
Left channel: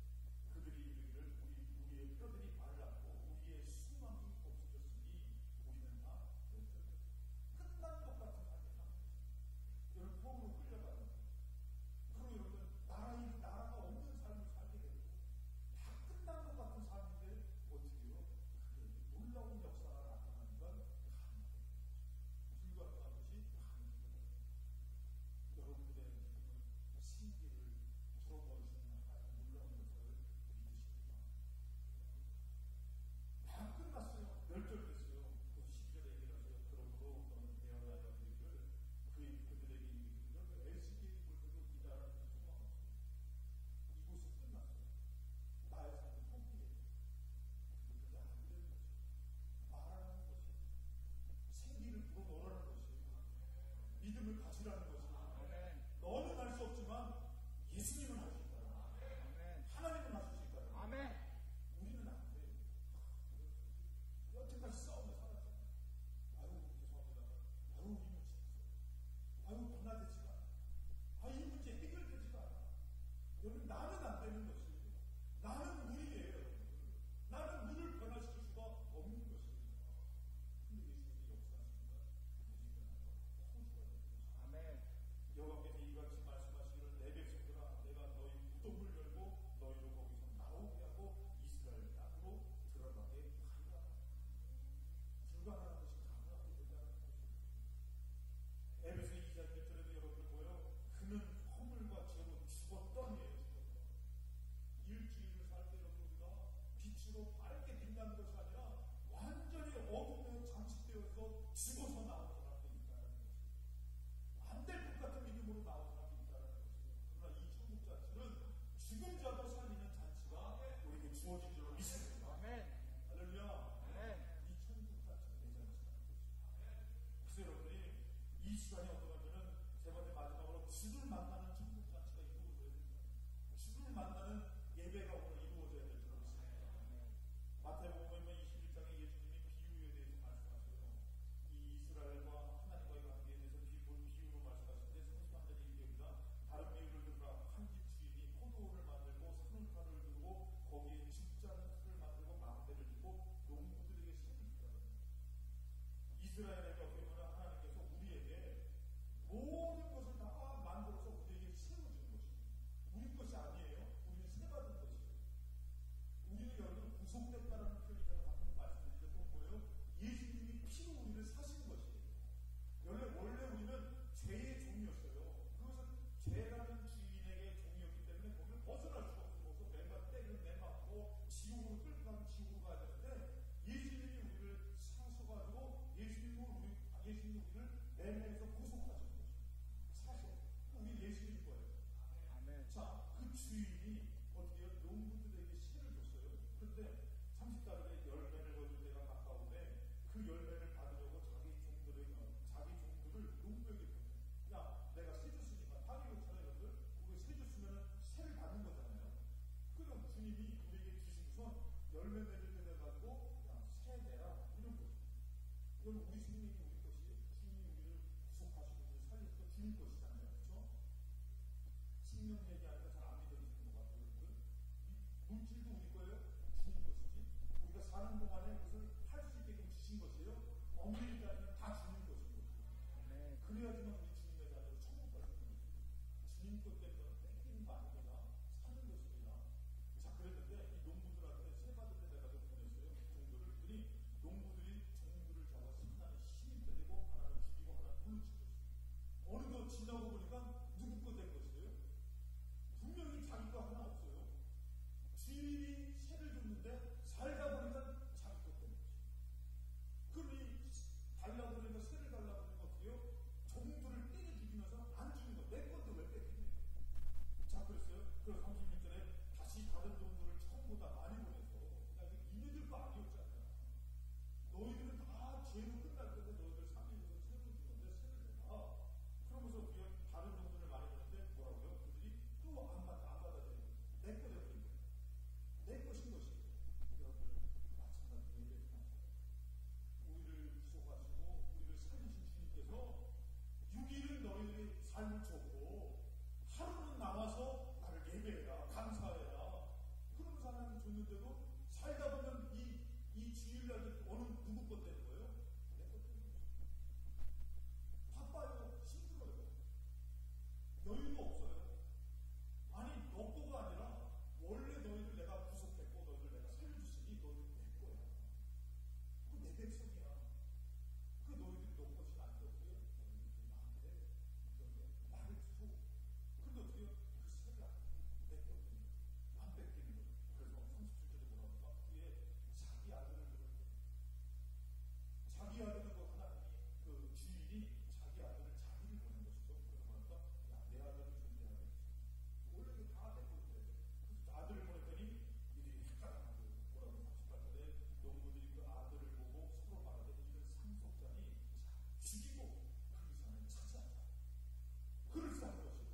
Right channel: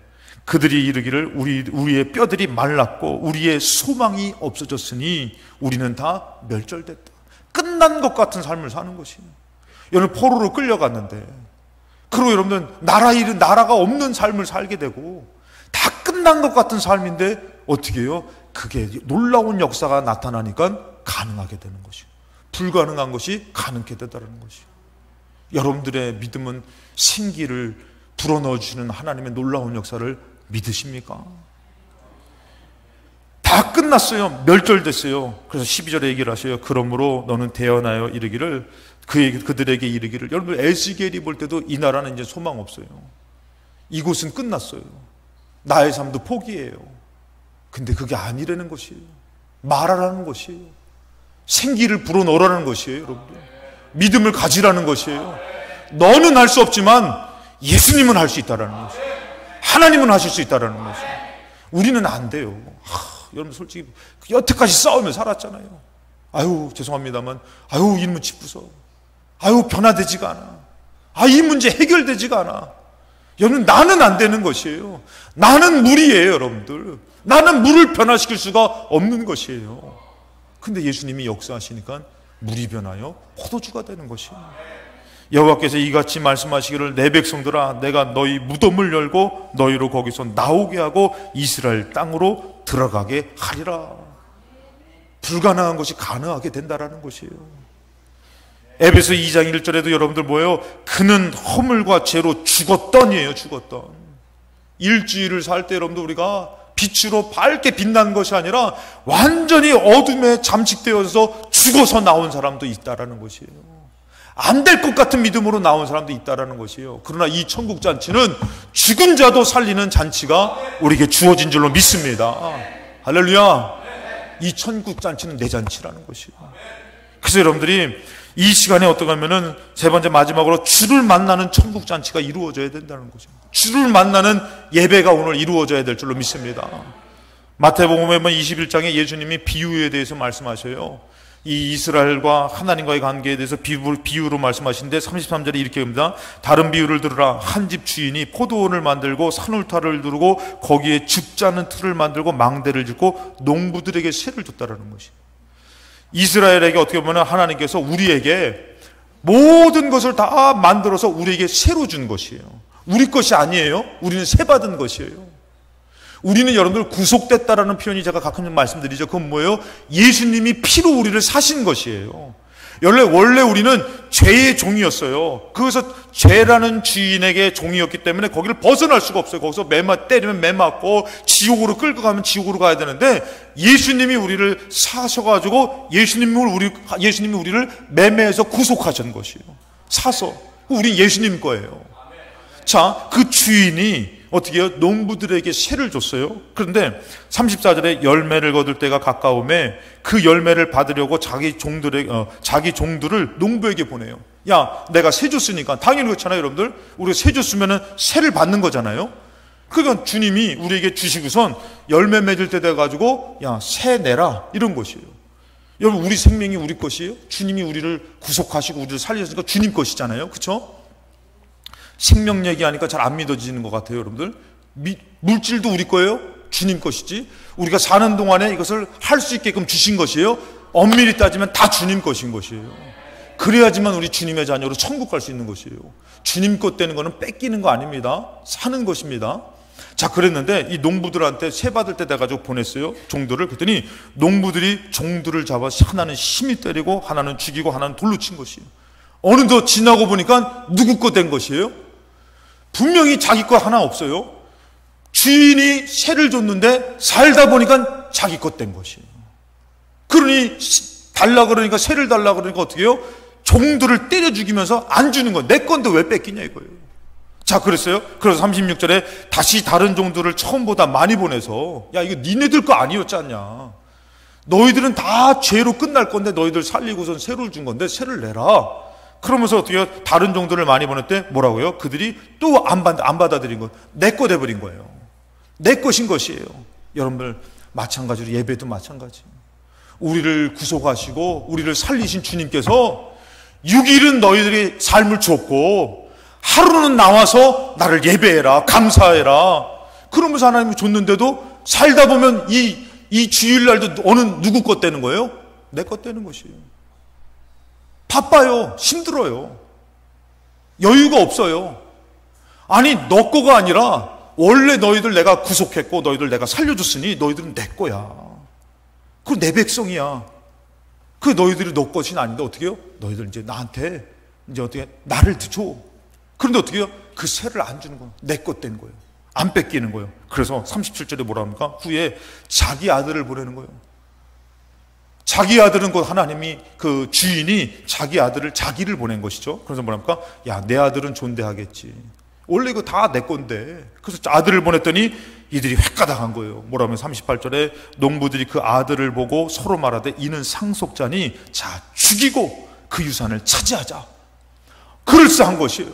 그들이 이르기를 우리의 뼈들이 말랐고 우리의 소망이 없어졌으니 우리는 다 멸절됐다. 끝난 것 같은 삶을 사는 것이에요. 여러분 포로로 끌려갔는데 그리고 여러분들 나라가 없는 삶을 살게 되고 다 끝난 것 같은 삶인데 어떻게 해요? 그게 놀라운 역사가 나타나니까 가능하게 되는 것이에요. 불가능한 것이 가능하게 되더라는 것이에요. 여러분들의 믿음은 생기를 불어넣어 주시는 하나님의 놀라운 역사를 믿으십니까? 다 다 끝났어요. 멸절됐어요. 그래서 12절에 얘기를 하셔요. 그러므로 너는 대언하여 이르기를 그들에게 이르기를. 여러분 에스겔이 볼 때도 이 나라는 이제 소망 없어요. 이곳은 끝났어요. 나의 삶도 포기해요. 근데 그게 아니라는 것이에요. 말하라는 것이에요. 생기를 불어넣으라는 것이에요. 여러분들 믿음을 가지라는 것이에요. 너는 할 수 없지만 예수님은 할 수 있다라는 것이에요. 하나님은 하실 수 있다라는 것이에요. 우리는 안 돼요. 여러분 솔직히 여태까지 싸우며 살았잖아요. 아유 죄송합니다만 아유 이 문제 부서 아유 변화되지가 않아. 이 문제 해결되지가 않아. 여러분 나는 안 되는 것이에요. 나는 물이에요. 여러분들 나는 물을 변화시킬 수가 없는 것이에요. 근데 예수님이 역사하시니까 물이 변하여 포도주가 되는 것이에요. 여호와께서 이같이 말씀하시기를 내 백성들아 내가 너희 무덤을 열고 너희로 거기서 나오게 하고 이스라엘 땅으로 들어가게 하리라. 불가능한 것이 가능하게 된다라는 것이에요. 에베소 2장 1절에도 여러분들 뭐예요? 그는 허물과 죄로 죽었더니에요. 죽었던. 일주일을 살 때 여러분들 우리가 빛으로 밝게 빛난 것이 아니라 완전히 어둠에 잠식되어서 죽어서 나온 사람도 있다라는 것이에요. 안 될 것 같은 믿음으로 나온 사람도 있다라는 것이에요. 그러나 이 천국 잔치는 죽은 자도 살리는 잔치가 우리에게 주어진 줄로 믿습니다. 할렐루야. 이 천국 잔치는 내 잔치라는 것이에요. 그래서 여러분들이 이 시간에 어떻게 하면은 세 번째 마지막으로 주를 만나는 천국 잔치가 이루어져야 된다는 거죠. 주를 만나는 예배가 오늘 이루어져야 될 줄로 믿습니다. 마태복음에 보면 21장에 예수님이 비유에 대해서 말씀하셔요. 이 이스라엘과 하나님과의 관계에 대해서 비유로 말씀하시는데 33절에 이렇게 합니다. 다른 비유를 들으라. 한 집 주인이 포도원을 만들고 산울타를 두르고 거기에 줍자는 틀을 만들고 망대를 짓고 농부들에게 세를 줬다라는 것이에요. 이스라엘에게 어떻게 보면 하나님께서 우리에게 모든 것을 다 만들어서 우리에게 세로 준 것이에요. 우리 것이 아니에요. 우리는 세 받은 것이에요. 우리는 여러분들 구속됐다라는 표현이 제가 가끔 말씀드리죠. 그건 뭐예요? 예수님이 피로 우리를 사신 것이에요. 원래 우리는 죄의 종이었어요. 그래서 죄라는 주인에게 종이었기 때문에 거기를 벗어날 수가 없어요. 거기서 때리면 매 맞고 지옥으로 끌고 가면 지옥으로 가야 되는데 예수님이 우리를 사셔가지고 예수님이 우리를 매매해서 구속하신 것이에요. 사서. 우리 예수님 거예요. 자, 그 주인이 어떻게 해요? 농부들에게 세를 줬어요. 그런데 34절에 열매를 거둘 때가 가까움에 그 열매를 받으려고 자기 종들을 농부에게 보내요. 야, 내가 세 줬으니까. 당연히 그렇잖아요, 여러분들. 우리가 세 줬으면 세를 받는 거잖아요. 그러니까 주님이 우리에게 주시고선 열매 맺을 때 돼가지고 야, 세 내라. 이런 것이에요. 여러분, 우리 생명이 우리 것이에요. 주님이 우리를 구속하시고 우리를 살리셨으니까 주님 것이잖아요. 그렇죠? 생명 얘기하니까 잘 안 믿어지는 것 같아요, 여러분들. 물질도 우리 거예요? 주님 것이지. 우리가 사는 동안에 이것을 할 수 있게끔 주신 것이에요? 엄밀히 따지면 다 주님 것인 것이에요. 그래야지만 우리 주님의 자녀로 천국 갈 수 있는 것이에요. 주님 것 되는 거는 뺏기는 거 아닙니다. 사는 것입니다. 자, 그랬는데 이 농부들한테 세 받을 때 돼가지고 보냈어요. 종들을. 그랬더니 농부들이 종들을 잡아 하나는 심히 때리고 하나는 죽이고 하나는 돌로 친 것이에요. 어느덧 지나고 보니까 누구 것 된 것이에요? 분명히 자기 것 하나 없어요. 주인이 세를 줬는데 살다 보니까 자기 것 된 것이에요. 그러니 달라 그러니까 세를 달라 그러니까 어떻게 해요? 종들을 때려 죽이면서 안 주는 거예요. 내 건데 왜 뺏기냐 이거예요. 자, 그랬어요. 그래서 36절에 다시 다른 종들을 처음보다 많이 보내서 야, 이거 니네들 거 아니었잖냐. 너희들은 다 죄로 끝날 건데 너희들 살리고선 세를 준 건데 세를 내라. 그러면서 어떻게 해요? 다른 종들을 많이 보낼 때 뭐라고요? 그들이 또 안 받아들인 거. 내 거 돼버린 거예요. 내 것인 것이에요. 여러분들 마찬가지로 예배도 마찬가지. 우리를 구속하시고 우리를 살리신 주님께서 6일은 너희들이 삶을 줬고 하루는 나와서 나를 예배해라, 감사해라. 그러면서 하나님이 줬는데도 살다 보면 이 주일날도 누구 것 되는 거예요? 내 것 되는 것이에요. 바빠요. 힘들어요. 여유가 없어요. 아니, 너 거가 아니라 원래 너희들 내가 구속했고 너희들 내가 살려줬으니 너희들은 내 거야. 그건 내 백성이야. 그 너희들이 너 것이 아닌데 어떻게 해요? 너희들 이제 나한테 이제 어떻게 나를 줘. 그런데 어떻게 해요? 그 세를 안 주는 거야. 내 것 된 거예요. 안 뺏기는 거예요. 그래서 37절에 뭐라 합니까? 후에 자기 아들을 보내는 거예요. 자기 아들은 곧 하나님이, 그 주인이 자기 아들을, 자기를 보낸 것이죠. 그래서 뭐랍니까? 야, 내 아들은 존대하겠지. 원래 이거 다 내 건데. 그래서 아들을 보냈더니 이들이 획가닥한 거예요. 뭐라면 38절에 농부들이 그 아들을 보고 서로 말하되 이는 상속자니 자 죽이고 그 유산을 차지하자. 그럴싸한 것이에요.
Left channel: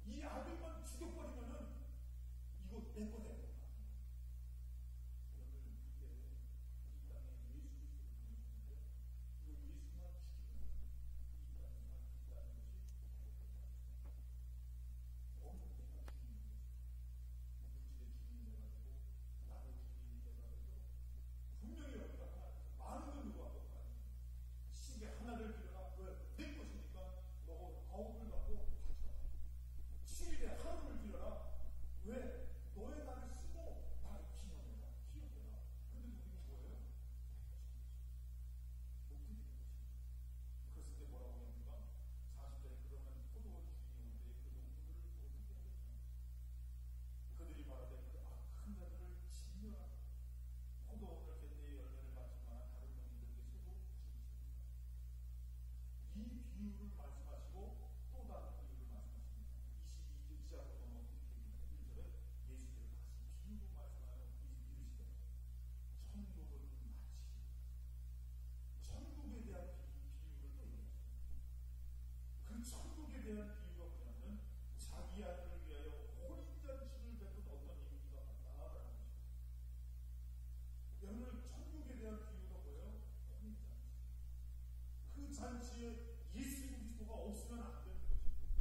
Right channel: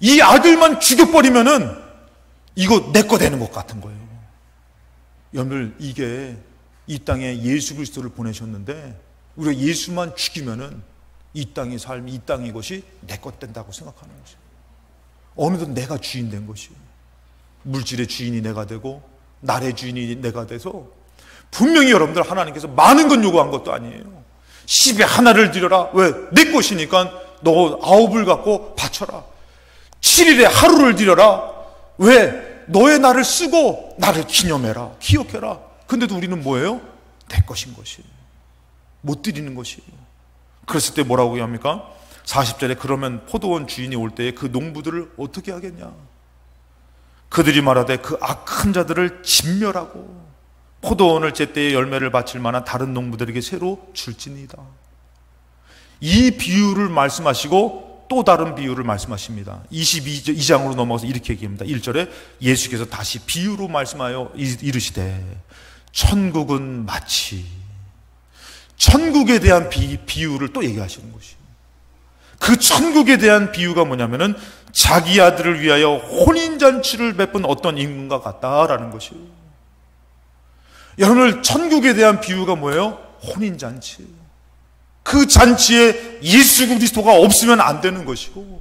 이 아들만 죽여버리면은 이거 내 거 되는 것 같은 거예요. 여러분들, 이게 이 땅에 예수 그리스도를 보내셨는데 우리가 예수만 죽이면은 이 땅의 삶, 이 땅의 것이 내 것 된다고 생각하는 것이에요. 어느덧 내가 주인 된 것이에요. 물질의 주인이 내가 되고 날의 주인이 내가 돼서, 분명히 여러분들 하나님께서 많은 건 요구한 것도 아니에요. 10에 하나를 드려라. 왜? 내 것이니까 너 9을 갖고 바쳐라. 7일에 하루를 드려라. 왜? 너의 날을 쓰고 나를 기념해라, 기억해라. 근데도 우리는 뭐예요? 내 것인 것이에요. 못 드리는 것이에요. 그랬을 때 뭐라고 합니까? 40절에 그러면 포도원 주인이 올 때에 그 농부들을 어떻게 하겠냐? 그들이 말하되 그 악한 자들을 진멸하고 포도원을 제때에 열매를 바칠 만한 다른 농부들에게 새로 줄지니이다. 이 비유를 말씀하시고 또 다른 비유를 말씀하십니다. 22장으로 넘어가서 이렇게 얘기합니다. 1절에 예수께서 다시 비유로 말씀하여 이르시되 천국은 마치, 천국에 대한 비유를 또 얘기하시는 것이에요. 그 천국에 대한 비유가 뭐냐면은 자기 아들을 위하여 혼인잔치를 베푼 어떤 임금과 같다라는 것이에요. 여러분들, 천국에 대한 비유가 뭐예요? 혼인잔치. 그 잔치에 예수 그리스도가 없으면 안 되는 것이고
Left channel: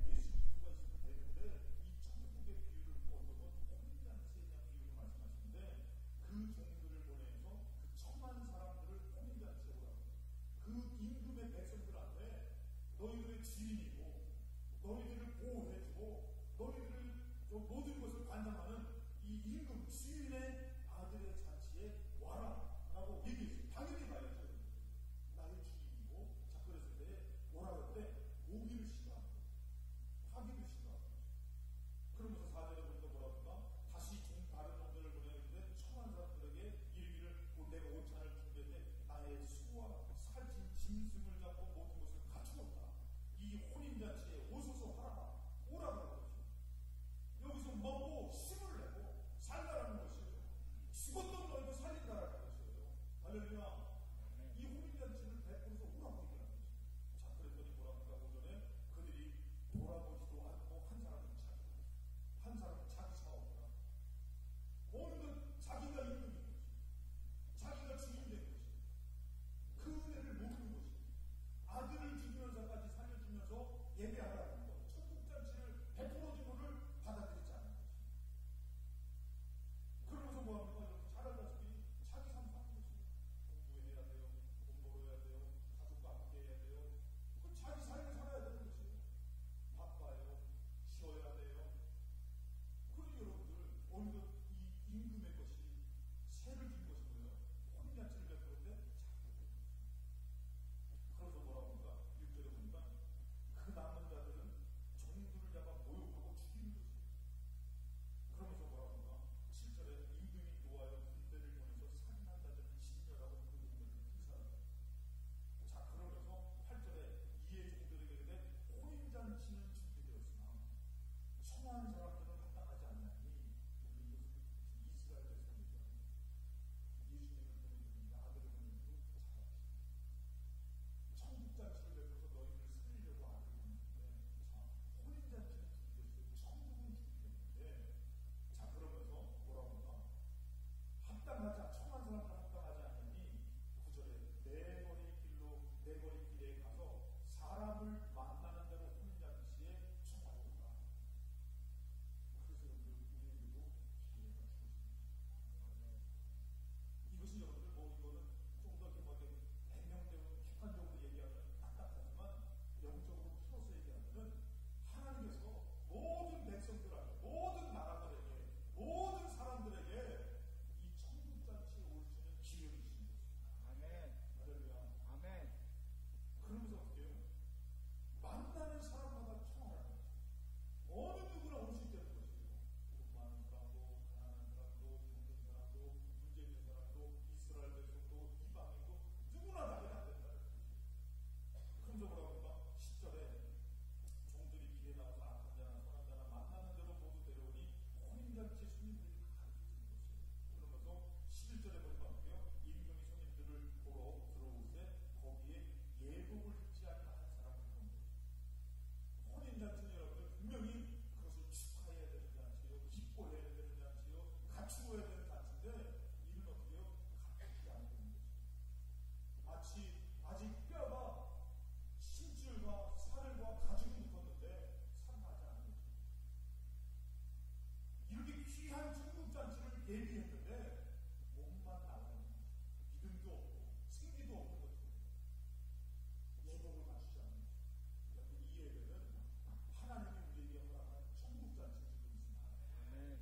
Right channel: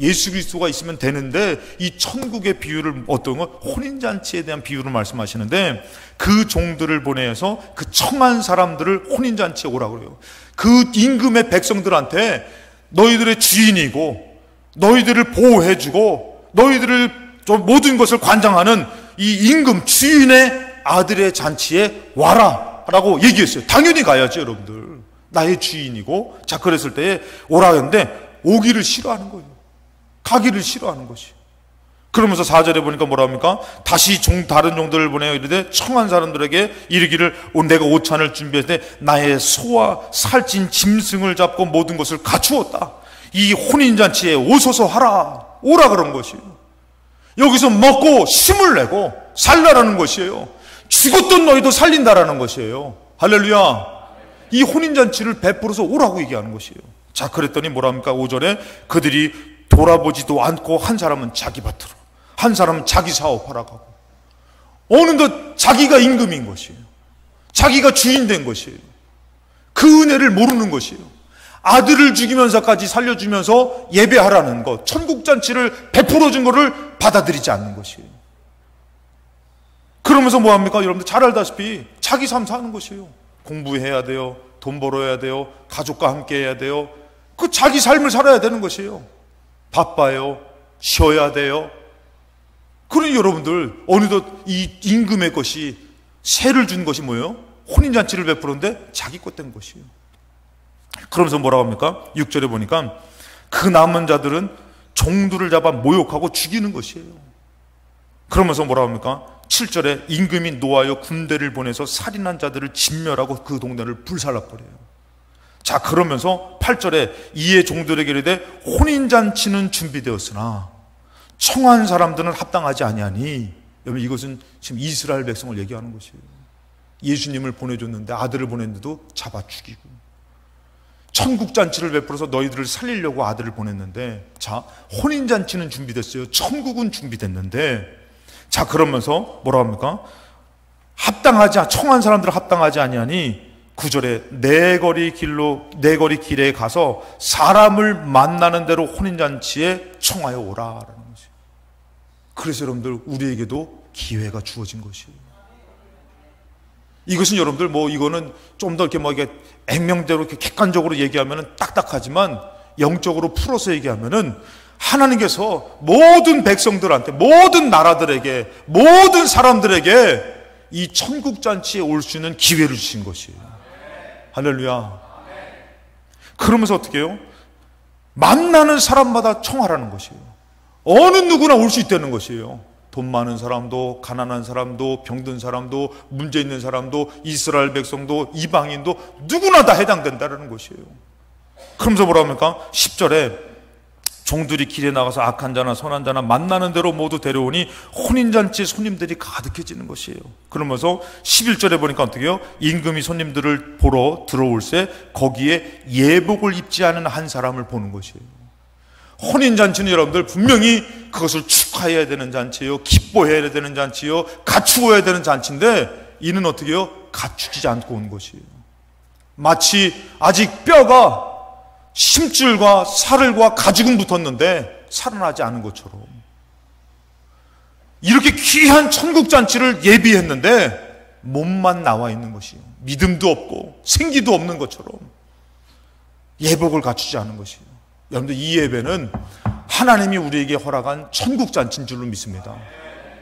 예수 그리스도가 있으면 되는데, 이 천국의 비유를, 어떤 건 혼인잔치에 대한 비유를 말씀하시는데, 그 종들을 보내서 그 청한 사람들을 혼인잔치에 오라고 그래요. 그 임금의 백성들한테 너희들의 주인이고 너희들을 보호해주고 너희들을 모든 것을 관장하는 이 임금 주인의 아들의 잔치에 와라 라고 얘기했어요. 당연히 가야지 여러분들. 나의 주인이고. 자, 그랬을 때 오라 했는데 오기를 싫어하는 거예요. 가기를 싫어하는 것이. 그러면서 4절에 보니까 뭐라 합니까? 다시 다른 종들을 보내어 이르되 청한 사람들에게 이르기를 내가 오찬을 준비했는데 나의 소와 살찐 짐승을 잡고 모든 것을 갖추었다. 이 혼인잔치에 오소서 하라. 오라 그런 것이에요. 여기서 먹고 힘을 내고 살라라는 것이에요. 죽었던 너희도 살린다라는 것이에요. 할렐루야. 이 혼인잔치를 베풀어서 오라고 얘기하는 것이에요. 자, 그랬더니 뭐라 합니까? 5절에 그들이 돌아보지도 않고 한 사람은 자기 밭으로, 한 사람은 자기 사업하러 가고, 어느덧 자기가 임금인 것이에요. 자기가 주인 된 것이에요. 그 은혜를 모르는 것이에요. 아들을 죽이면서까지 살려주면서 예배하라는 것, 천국잔치를 베풀어 준 것을 받아들이지 않는 것이에요. 그러면서 뭐합니까? 여러분들 잘 알다시피 자기 삶 사는 것이에요. 공부해야 돼요. 돈 벌어야 돼요. 가족과 함께 해야 돼요. 그 자기 삶을 살아야 되는 것이에요. 바빠요. 쉬어야 돼요. 그러니 여러분들, 어느덧 이 임금의 것이, 세를 준 것이 뭐예요? 혼인잔치를 베푸는데 자기 것 된 것이에요. 그러면서 뭐라고 합니까? 6절에 보니까 그 남은 자들은 종들을 잡아 모욕하고 죽이는 것이에요. 그러면서 뭐라고 합니까? 7절에 임금이 노하여 군대를 보내서 살인한 자들을 진멸하고 그 동네를 불살라버려요. 자, 그러면서 8절에 이에 종들에게 이르되 혼인잔치는 준비되었으나 청한 사람들은 합당하지 아니하니. 여러분, 이것은 지금 이스라엘 백성을 얘기하는 것이에요. 예수님을 보내줬는데, 아들을 보냈는데도 잡아 죽이고, 천국잔치를 베풀어서 너희들을 살리려고 아들을 보냈는데, 자, 혼인잔치는 준비됐어요. 천국은 준비됐는데, 자, 그러면서 뭐라 합니까? 청한 사람들은 합당하지 아니하니 9절에 내 거리 길에 가서 사람을 만나는 대로 혼인잔치에 청하여 오라라는 것이에요. 그래서 여러분들, 우리에게도 기회가 주어진 것이에요. 이것은 여러분들, 이거는 좀 더 이렇게 액면대로 이렇게 객관적으로 얘기하면 딱딱하지만, 영적으로 풀어서 얘기하면은 하나님께서 모든 백성들한테, 모든 나라들에게, 모든 사람들에게 이 천국잔치에 올 수 있는 기회를 주신 것이에요. 할렐루야. 그러면서 어떻게 해요? 만나는 사람마다 청하라는 것이에요. 어느 누구나 올 수 있다는 것이에요. 돈 많은 사람도, 가난한 사람도, 병든 사람도, 문제 있는 사람도, 이스라엘 백성도, 이방인도 누구나 다 해당된다는 것이에요. 그러면서 뭐라 합니까? 10절에 종들이 길에 나가서 악한 자나 선한 자나 만나는 대로 모두 데려오니 혼인잔치에 손님들이 가득해지는 것이에요. 그러면서 11절에 보니까 어떻게 해요? 임금이 손님들을 보러 들어올세 거기에 예복을 입지 않은 한 사람을 보는 것이에요. 혼인잔치는 여러분들 분명히 그것을 축하해야 되는 잔치예요. 기뻐해야 되는 잔치예요. 갖추어야 되는 잔치인데 이는 어떻게 해요? 갖추지 않고 온 것이에요. 마치 아직 뼈가 심줄과 살과 가죽은 붙었는데 살아나지 않은 것처럼 이렇게 귀한 천국잔치를 예비했는데 몸만 나와 있는 것이에요. 믿음도 없고 생기도 없는 것처럼 예복을 갖추지 않은 것이에요. 여러분들 이 예배는 하나님이 우리에게 허락한 천국잔치인 줄로 믿습니다.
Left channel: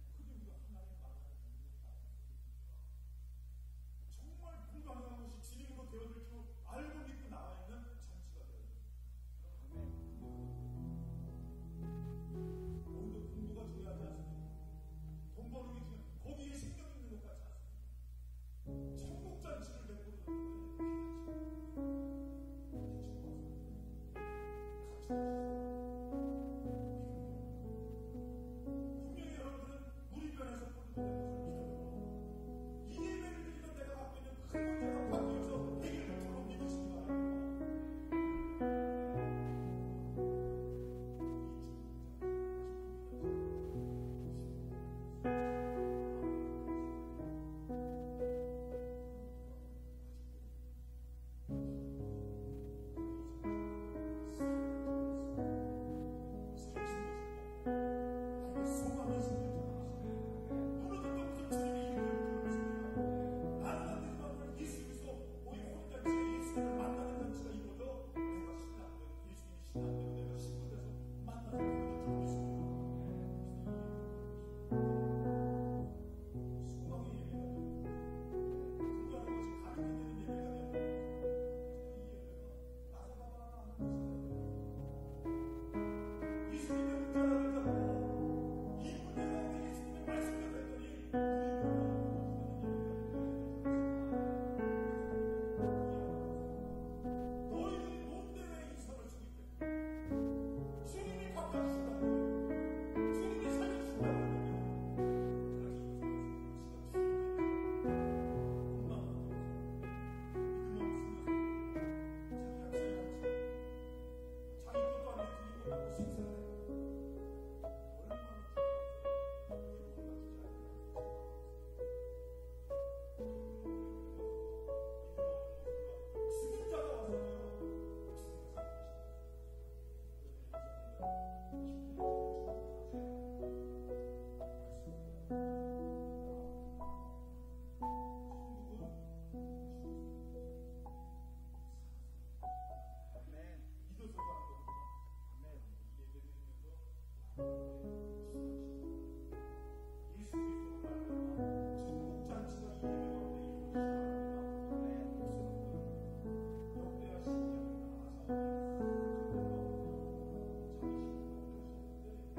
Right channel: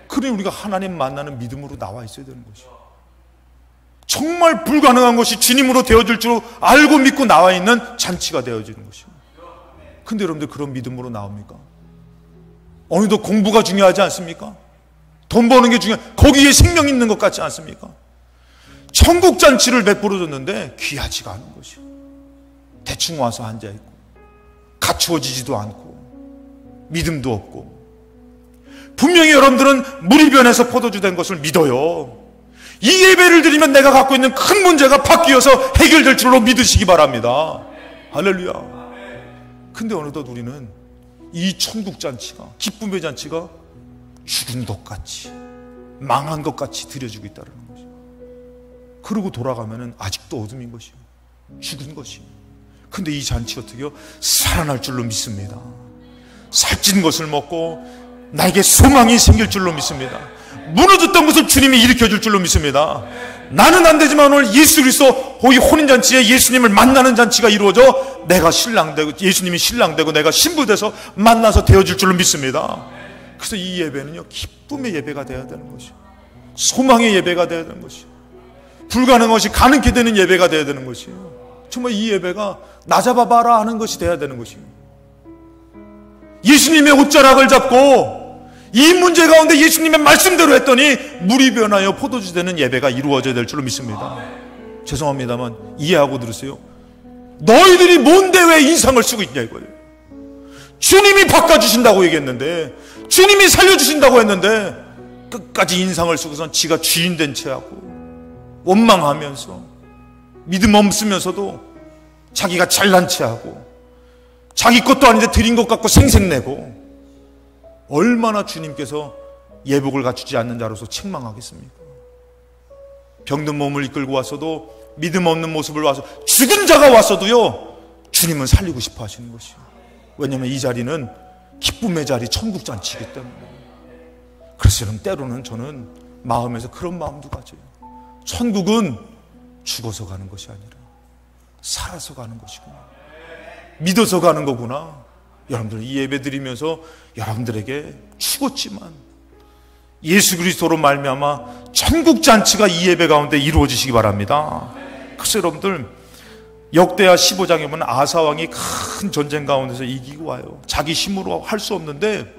그러니 우리가 하나님 만나는 믿음으로 나와 있어야 되는 것이에요. 정말 불가능한 것이 주님으로 되어질 줄 알고 믿고 나와 있는 잔치가 되어지는 것입니다. 근데 여러분들 그런 믿음으로 나옵니까? 어느덧 공부가 중요하지 않습니까? 돈 버는 게 거기에 생명 있는 것 같지 않습니까? 천국잔치를 베풀어 줬는데 귀하지가 않은 것이에요. 대충 와서 앉아있고 갖추어지지도 않고 믿음도 없고. 분명히 여러분들은 물이 변해서 포도주 된 것을 믿어요. 이 예배를 드리면 내가 갖고 있는 큰 문제가 바뀌어서 해결될 줄로 믿으시기 바랍니다. 할렐루야. 근데 어느덧 우리는 이 천국잔치가, 기쁨의 잔치가 죽은 것 같이, 망한 것 같이 드려지고 있다는 것이에요. 그러고 돌아가면 아직도 어둠인 것이에요. 죽은 것이에요. 근데 이 잔치 어떻게 해요? 살아날 줄로 믿습니다. 살찐 것을 먹고 나에게 소망이 생길 줄로 믿습니다. 무너졌던 것을 주님이 일으켜줄 줄로 믿습니다. 나는 안 되지만 오늘 예수 그리스도 이 혼인잔치에 예수님을 만나는 잔치가 이루어져 내가 신랑되고 예수님이 신랑되고 내가 신부돼서 만나서 되어질 줄로 믿습니다. 그래서 이 예배는요, 기쁨의 예배가 되어야 되는 것이에요. 소망의 예배가 되어야 되는 것이에요. 불가능한 것이 가능케 되는 예배가 되어야 되는 것이에요. 정말 이 예배가 나 잡아봐라 하는 것이 되어야 되는 것이에요. 예수님의 옷자락을 잡고 이 문제 가운데 예수님의 말씀대로 했더니 물이 변하여 포도주 되는 예배가 이루어져야 될 줄로 믿습니다. 죄송합니다만 이해하고 들으세요. 너희들이 뭔데 왜 인상을 쓰고 있냐 이거예요. 주님이 바꿔주신다고 얘기했는데, 주님이 살려주신다고 했는데 끝까지 인상을 쓰고선 지가 주인 된 채하고 원망하면서 믿음 없으면서도 자기가 잘난 체하고 자기 것도 아닌데 드린 것 같고 생색내고, 얼마나 주님께서 예복을 갖추지 않는 자로서 책망하겠습니까? 병든 몸을 이끌고 왔어도, 믿음 없는 모습을 와서 죽은 자가 왔어도요, 주님은 살리고 싶어 하시는 것이에요. 왜냐하면 이 자리는 기쁨의 자리, 천국잔치이기 때문에. 그래서 때로는 저는 마음에서 그런 마음도 가져요. 천국은 죽어서 가는 것이 아니라 살아서 가는 것이구나, 믿어서 가는 거구나. 여러분들 이 예배 드리면서 여러분들에게 죽었지만 예수 그리스도로 말미암아 천국잔치가 이 예배 가운데 이루어지시기 바랍니다. 그래서 여러분들 역대하 15장에 보면 아사 왕이 큰 전쟁 가운데서 이기고 와요. 자기 힘으로 할 수 없는데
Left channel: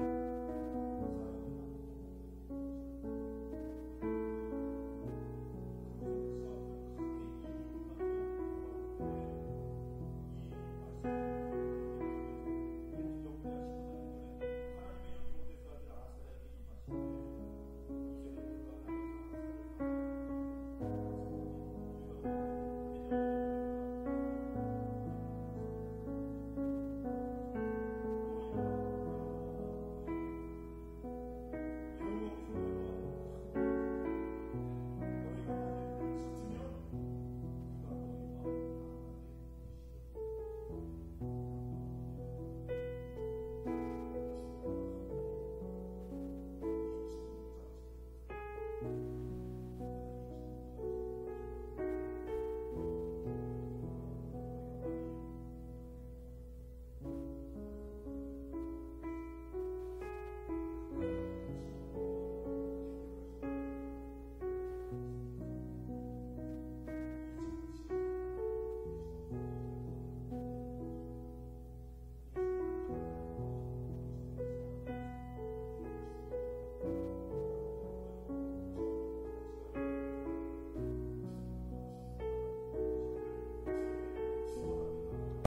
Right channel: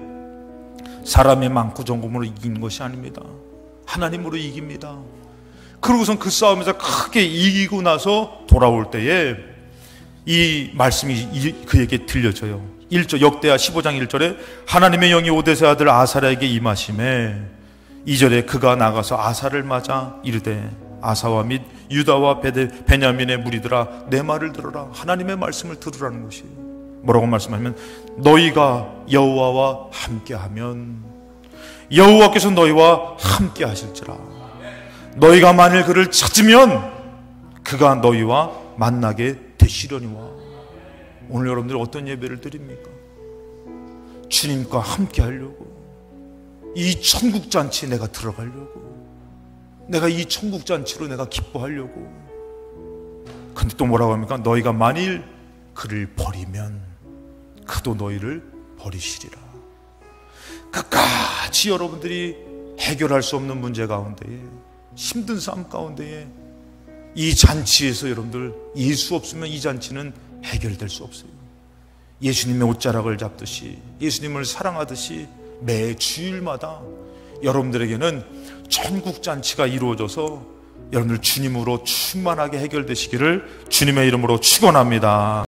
사람의 많고 정금으로 이기는 것이 아닙니다. 하나님으로 이깁니다. 그러고선 그 싸움에서 크게 이기고 나서 돌아올 때에 이 말씀이 그에게 들려져요. 1절, 역대하 15장 1절에 하나님의 영이 오데세 아들 아사랴에게 임하심에, 2절에 그가 나가서 아사를 맞아 이르되 아사와 및 유다와 베냐민의 무리들아 내 말을 들어라. 하나님의 말씀을 들으라는 것이에요. 뭐라고 말씀하면, 너희가 여호와와 함께하면 여호와께서 너희와 함께 하실지라. 너희가 만일 그를 찾으면 그가 너희와 만나게 되시려니와. 오늘 여러분들 어떤 예배를 드립니까? 주님과 함께 하려고, 이 천국잔치에 내가 들어가려고, 내가 이 천국잔치로 내가 기뻐하려고. 근데 또 뭐라고 합니까? 너희가 만일 그를 버리면 그도 너희를 버리시리라. 끝까지 여러분들이 해결할 수 없는 문제 가운데에, 힘든 삶 가운데에 이 잔치에서 여러분들 예수 없으면 이 잔치는 해결될 수 없어요. 예수님의 옷자락을 잡듯이, 예수님을 사랑하듯이 매 주일마다 여러분들에게는 천국 잔치가 이루어져서 여러분들 주님으로 충만하게 해결되시기를 주님의 이름으로 축원합니다.